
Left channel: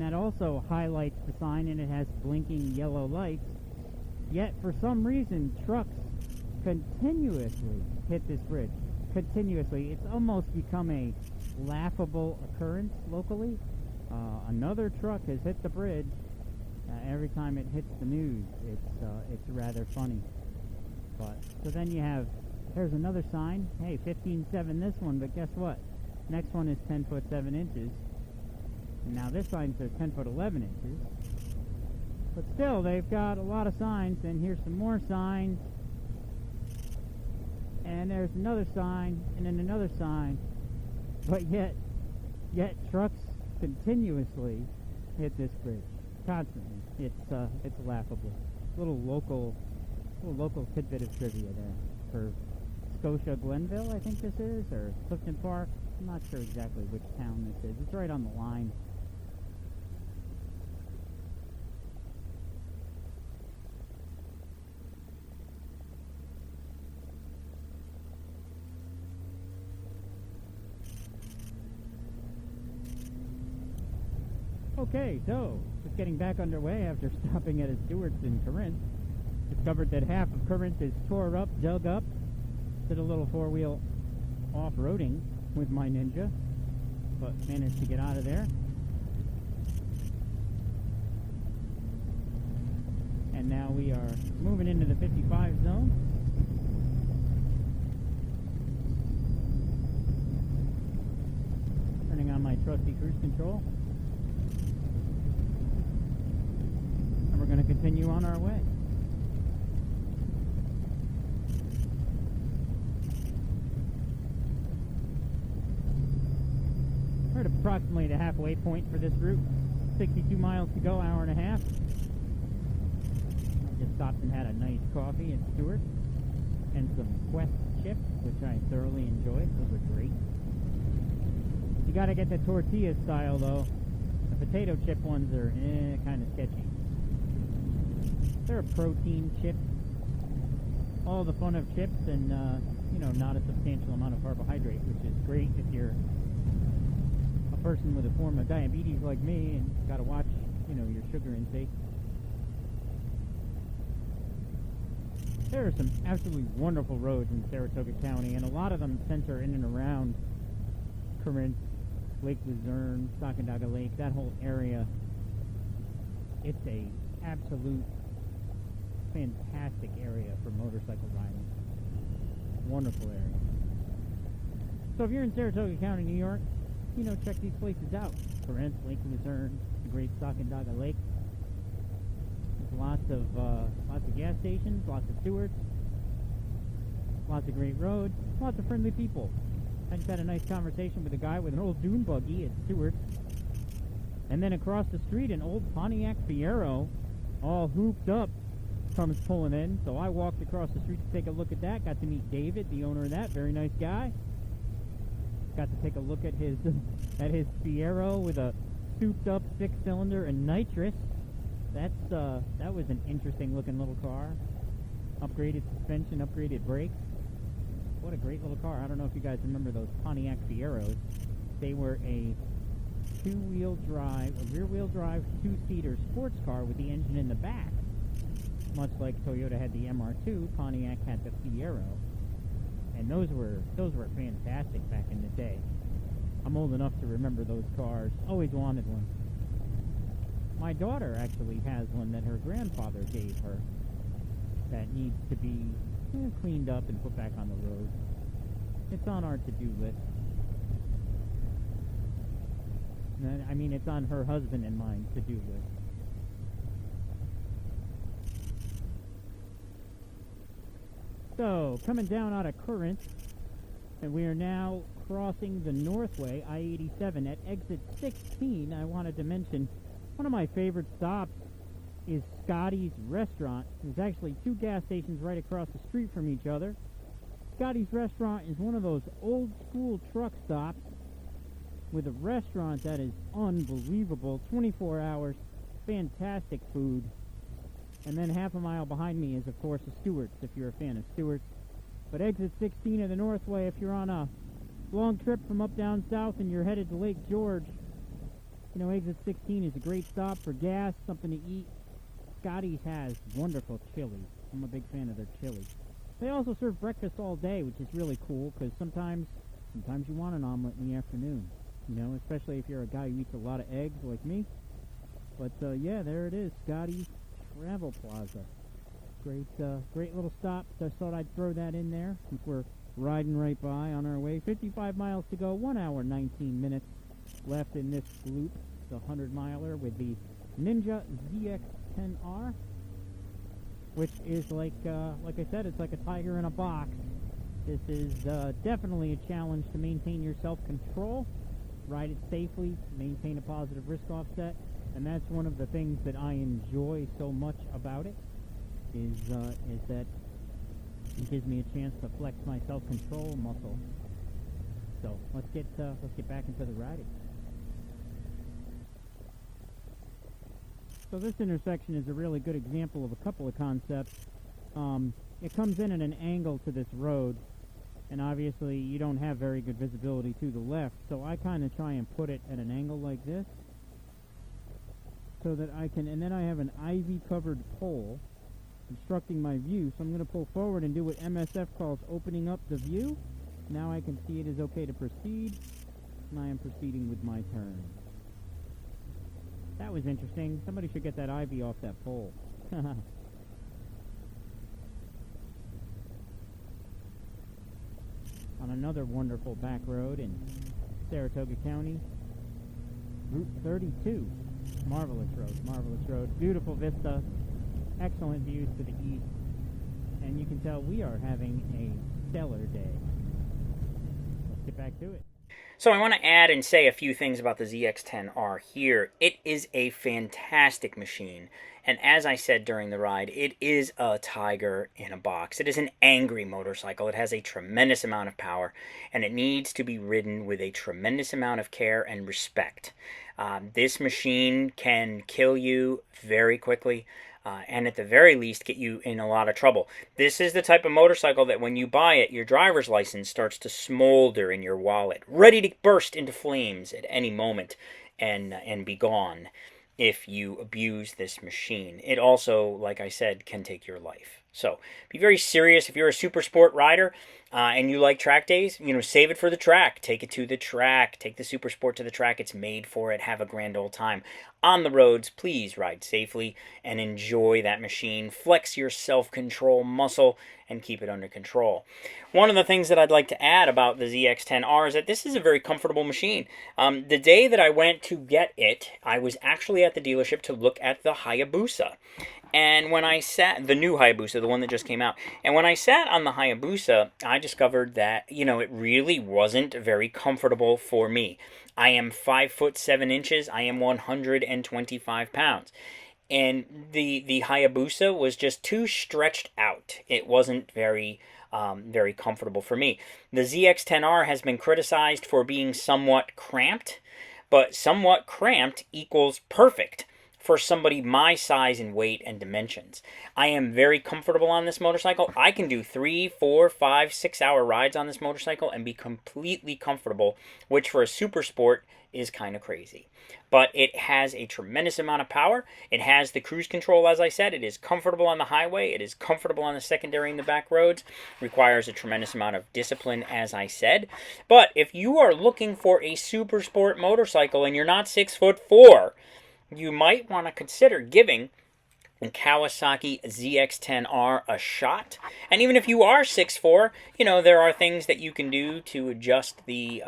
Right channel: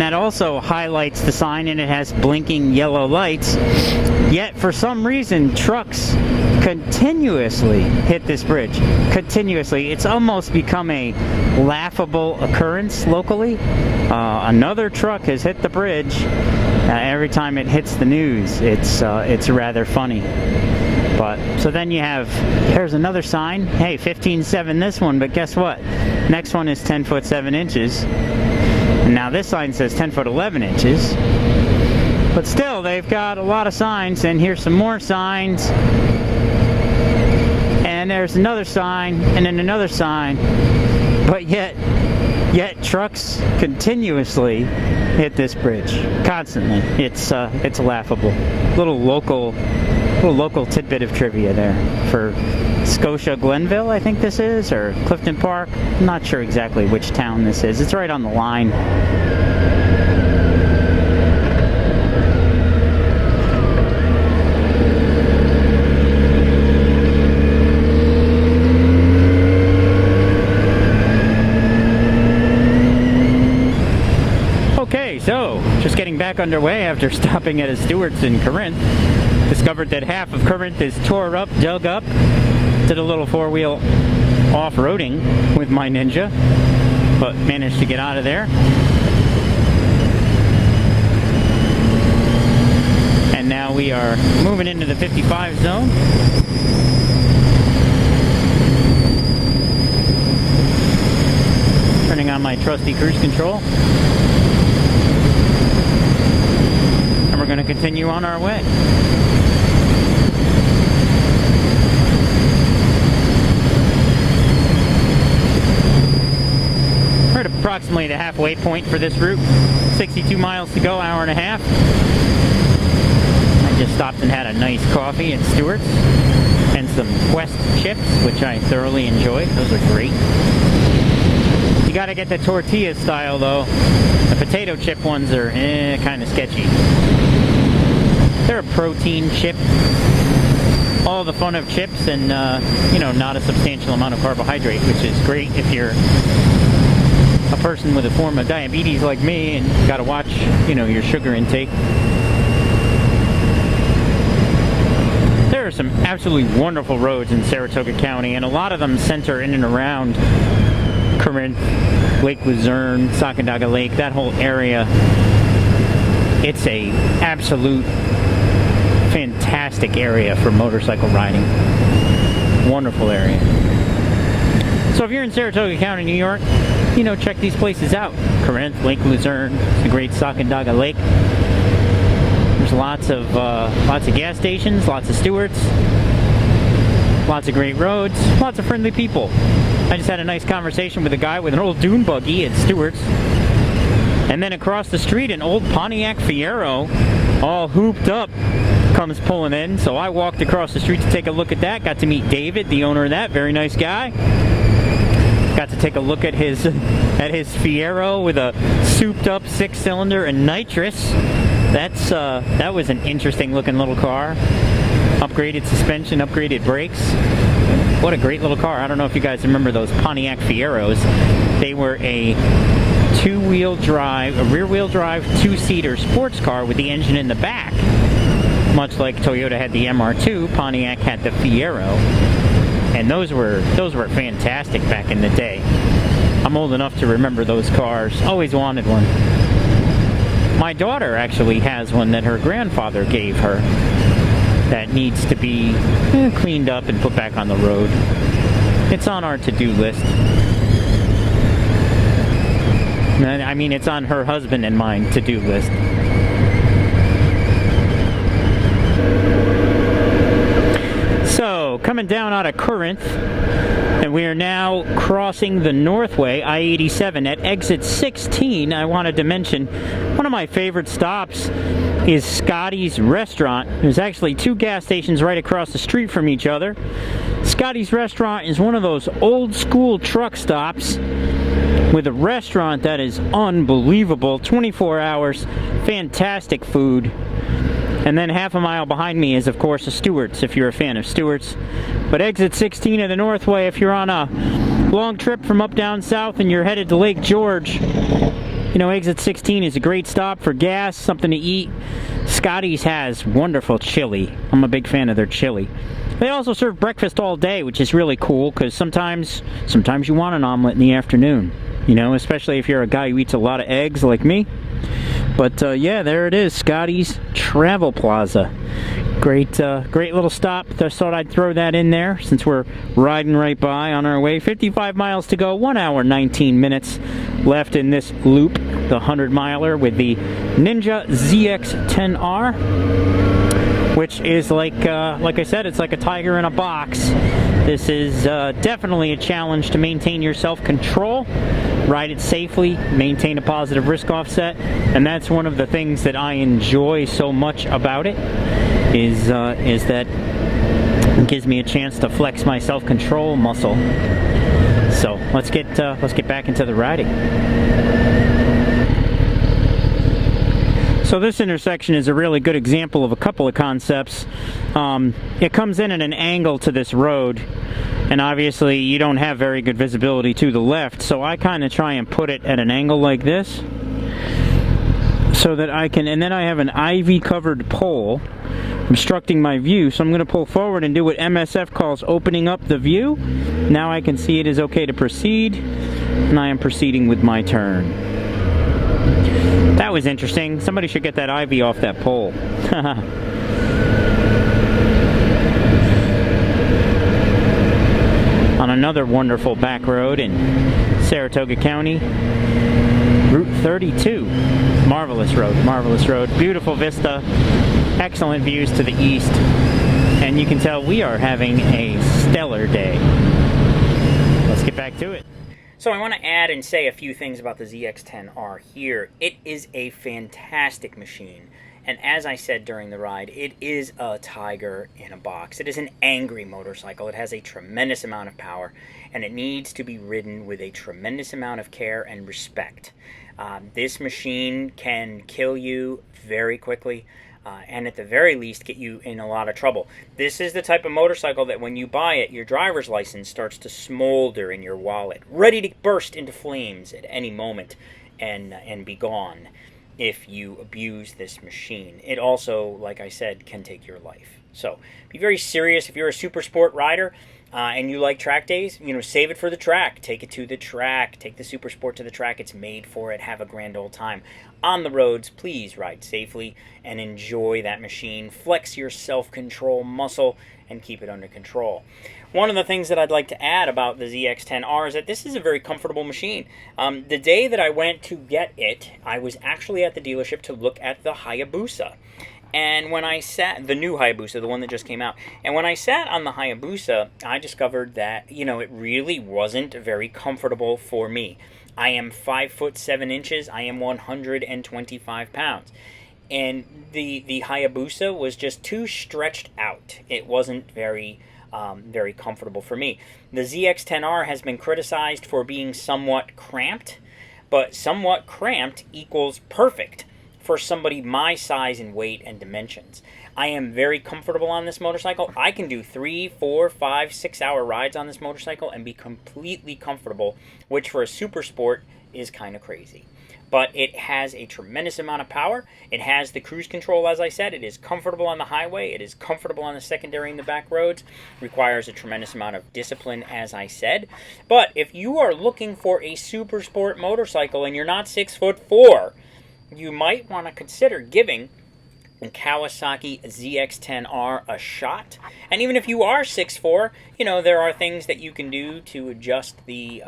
that also highlights the sign, and it has blinking yellow lights. Yet, for some reason, trucks continuously hit this bridge. Continuously. It's almost become a laughable occurrence locally. Another truck has hit the bridge. Every time it hits the news, it's rather funny. But so then you have, here's another sign. Hey, 15.7 this one, but guess what? Next one is 10 foot 7 inches. And now this sign says 10 foot 11 inches. But still, they've got a lot of signs, and here's some more signs. And there's another sign, and then another sign. But yet trucks continuously hit this bridge constantly. It's laughable. Little local tidbit of trivia there for Scotia Glenville, I think this is, or Clifton Park. I'm not sure exactly which town this is. It's right on the line. Okay, so just getting back underway after stopping at a Stewart's in Corinth. Discovered that half of Corinth is tore up, dug up. Did a little 4-wheel off-roading with my Ninja, but managed to get out of there. And now we are moving into the 55 zone. Turning on my trusty cruise control. And we're going to continue on our way. We're at approximately the halfway point for this route. 62 miles to go, hour and a half. I just stopped and had a nice coffee at Stewart's and some Quest chips, which I thoroughly enjoyed. Those are great. You gotta get the tortilla style though. The potato chip ones are kind of sketchy. They're a protein chip. All the fun of chips, and you know, not a substantial amount of carbohydrate, which is great if you're a person with a form of diabetes like me and got to watch, you know, your sugar intake. There are some absolutely wonderful roads in Saratoga County, and a lot of them center in and around Corinth, Lake Luzerne, Sacandaga Lake, that whole area. It's a absolute fantastic area for motorcycle riding. Wonderful area. So if you're in Saratoga County, New York, you know, check these places out. Corinth, Lake Luzerne, the Great Sacandaga Lake. There's lots of gas stations, lots of Stewarts, lots of great roads, lots of friendly people. I just had a nice conversation with a guy with an old dune buggy at Stewart's. And then across the street, an old Pontiac Fiero, all hooped up, comes pulling in. So I walked across the street to take a look at that. Got to meet David, the owner of that. Very nice guy. Got to take a look at his Fiero with a souped-up 6-cylinder and nitrous. That was an interesting looking little car. Upgraded suspension, upgraded brakes. What a great little car. I don't know if you guys remember those Pontiac Fieros. They were a rear-wheel drive, 2-seater sports car with the engine in the back. Much like Toyota had the MR2, Pontiac had the Fiero. And those were fantastic back in the day. I'm old enough to remember those cars. Always wanted one. My daughter actually has one that her grandfather gave her that needs to be cleaned up and put back on the road. It's on our to-do list. I mean, it's on her husband and mine to-do list. So, coming down out of Corinth, and we are now crossing the Northway, I-87 at exit 16. I wanted to mention one of my favorite stops is Scotty's Restaurant. There's actually 2 gas stations right across the street from each other. Scotty's Restaurant is one of those old school truck stops with a restaurant that is unbelievable. 24 hours, fantastic food. And then half a mile behind me is, of course, a Stewart's, if you're a fan of Stewart's. But exit 16 of the Northway, if you're on a long trip from up down south and you're headed to Lake George, you know, exit 16 is a great stop for gas, something to eat. Scotty's has wonderful chili. I'm a big fan of their chili. They also serve breakfast all day, which is really cool, because sometimes you want an omelet in the afternoon, you know, especially if you're a guy who eats a lot of eggs like me. But yeah, there it is, Scotty's Travel Plaza. Great little stop. Just thought I'd throw that in there since we're riding right by on our way. 55 miles to go, 1 hour 19 minutes left in this loop, the 100-miler with the Ninja ZX10R, which is like I said, it's like a tiger in a box. This is definitely a challenge to maintain your self-control, ride it safely, maintain a positive risk offset, and that's one of the things that I enjoy so much about it. Is that it gives me a chance to flex my self-control muscle. So let's get back into the riding. So this intersection is a really good example of a couple of concepts. It comes in at an angle to this road, and obviously you don't have very good visibility to the left, so I kind of try and put it at an angle like this so that I can, and then I have an ivy covered pole obstructing my view, so I'm going to pull forward and do what MSF calls opening up the view. Now I can see it is okay to proceed, and I am proceeding with my turn. That was interesting. Somebody should get that ivy off that pole. On another wonderful back road in Saratoga County, Route 32. Marvelous road, beautiful vista, excellent views to the east, and you can tell we are having a stellar day. Let's get back to it. So I want to add and say a few things about the ZX10R here. It is a fantastic machine, and as I said during the ride, it is a tiger in a box. It is an angry motorcycle. It has a tremendous amount of power, and it needs to be ridden with a tremendous amount of care and respect. This machine can kill you very quickly, and at the very least get you in a lot of trouble. This is the type of motorcycle that when you buy it, your driver's license starts to smolder in your wallet, ready to burst into flames at any moment and be gone if you abuse this machine. It also, like I said, can take your life. So be very serious. If you're a super sport rider and you like track days, save it for the track. Take it to the track. Take the super sport to the track. It's made for it. Have a grand old time. On the roads, please ride safely and enjoy that machine. Flex your self-control muscle and keep it under control. One of the things that I'd like to add about the ZX10R is that this is a very comfortable machine. The day that I went to get it, I was actually at the dealership to look at the Hayabusa. And when I sat, the new Hayabusa, the one that just came out, and when I sat on the Hayabusa, I discovered that, it really wasn't very comfortable for me. I am 5'7". I am 125 pounds. And the Hayabusa was just too stretched out. It wasn't very comfortable for me. The ZX10R has been criticized for being somewhat cramped, but somewhat cramped equals perfect for somebody my size and weight and dimensions. I am very comfortable on this motorcycle. I can do 3, 4, 5, 6 hour rides on this motorcycle and be completely comfortable, which for a super sport is kind of crazy. But it has a tremendous amount of power. It has the cruise control, as I said. It is comfortable on the highway. It is comfortable on the secondary and the back roads. Requires a tremendous amount of discipline, as I said. But if you are looking for a super sport motorcycle and you're not 6'4", you might want to consider giving the Kawasaki ZX10R a shot. And even if you are 6'4", there are things that you can do to adjust the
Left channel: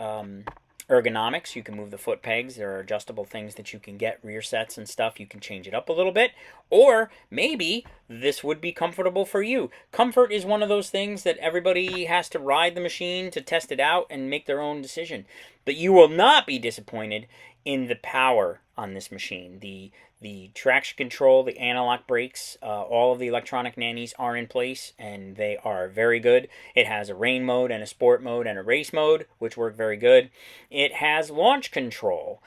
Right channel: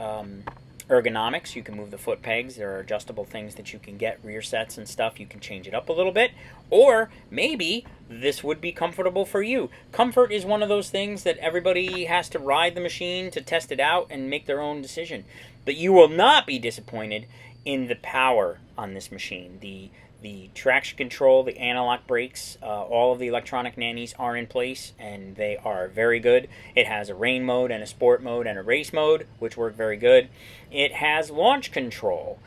ergonomics. You can move the foot pegs. There are adjustable things that you can get, rear sets and stuff. You can change it up a little bit. Or maybe this would be comfortable for you. Comfort is one of those things that everybody has to ride the machine to test it out and make their own decision. But you will not be disappointed in the power on this machine. The traction control, the anti-lock brakes, all of the electronic nannies are in place, and they are very good. It has a rain mode and a sport mode and a race mode, which work very good. It has launch control,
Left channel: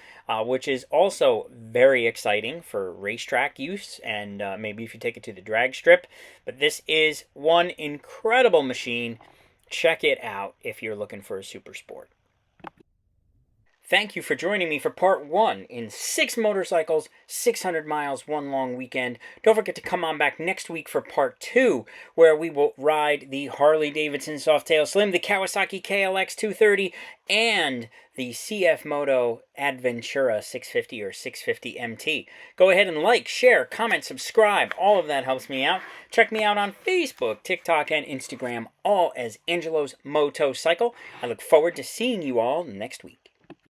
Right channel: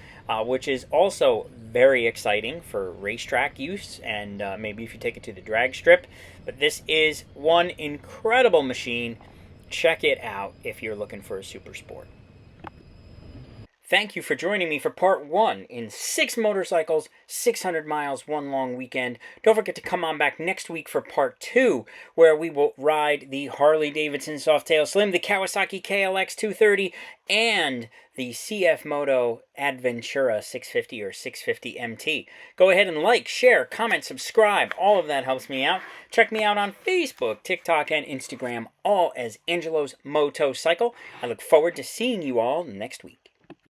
which is also very exciting for racetrack use, and maybe if you take it to the drag strip. But this is one incredible machine. Check it out if you're looking for a super sport. Thank you for joining me for part 1 in 6 motorcycles, 600 miles, 1 long weekend. Don't forget to come on back next week for part 2, where we will ride the Harley-Davidson Softail Slim, the Kawasaki KLX 230, and the CFMOTO Adventura 650 or 650 MT. Go ahead and like, share, comment, subscribe. All of that helps me out. Check me out on Facebook, TikTok, and Instagram, all as Angelo's Motocycle. I look forward to seeing you all next week.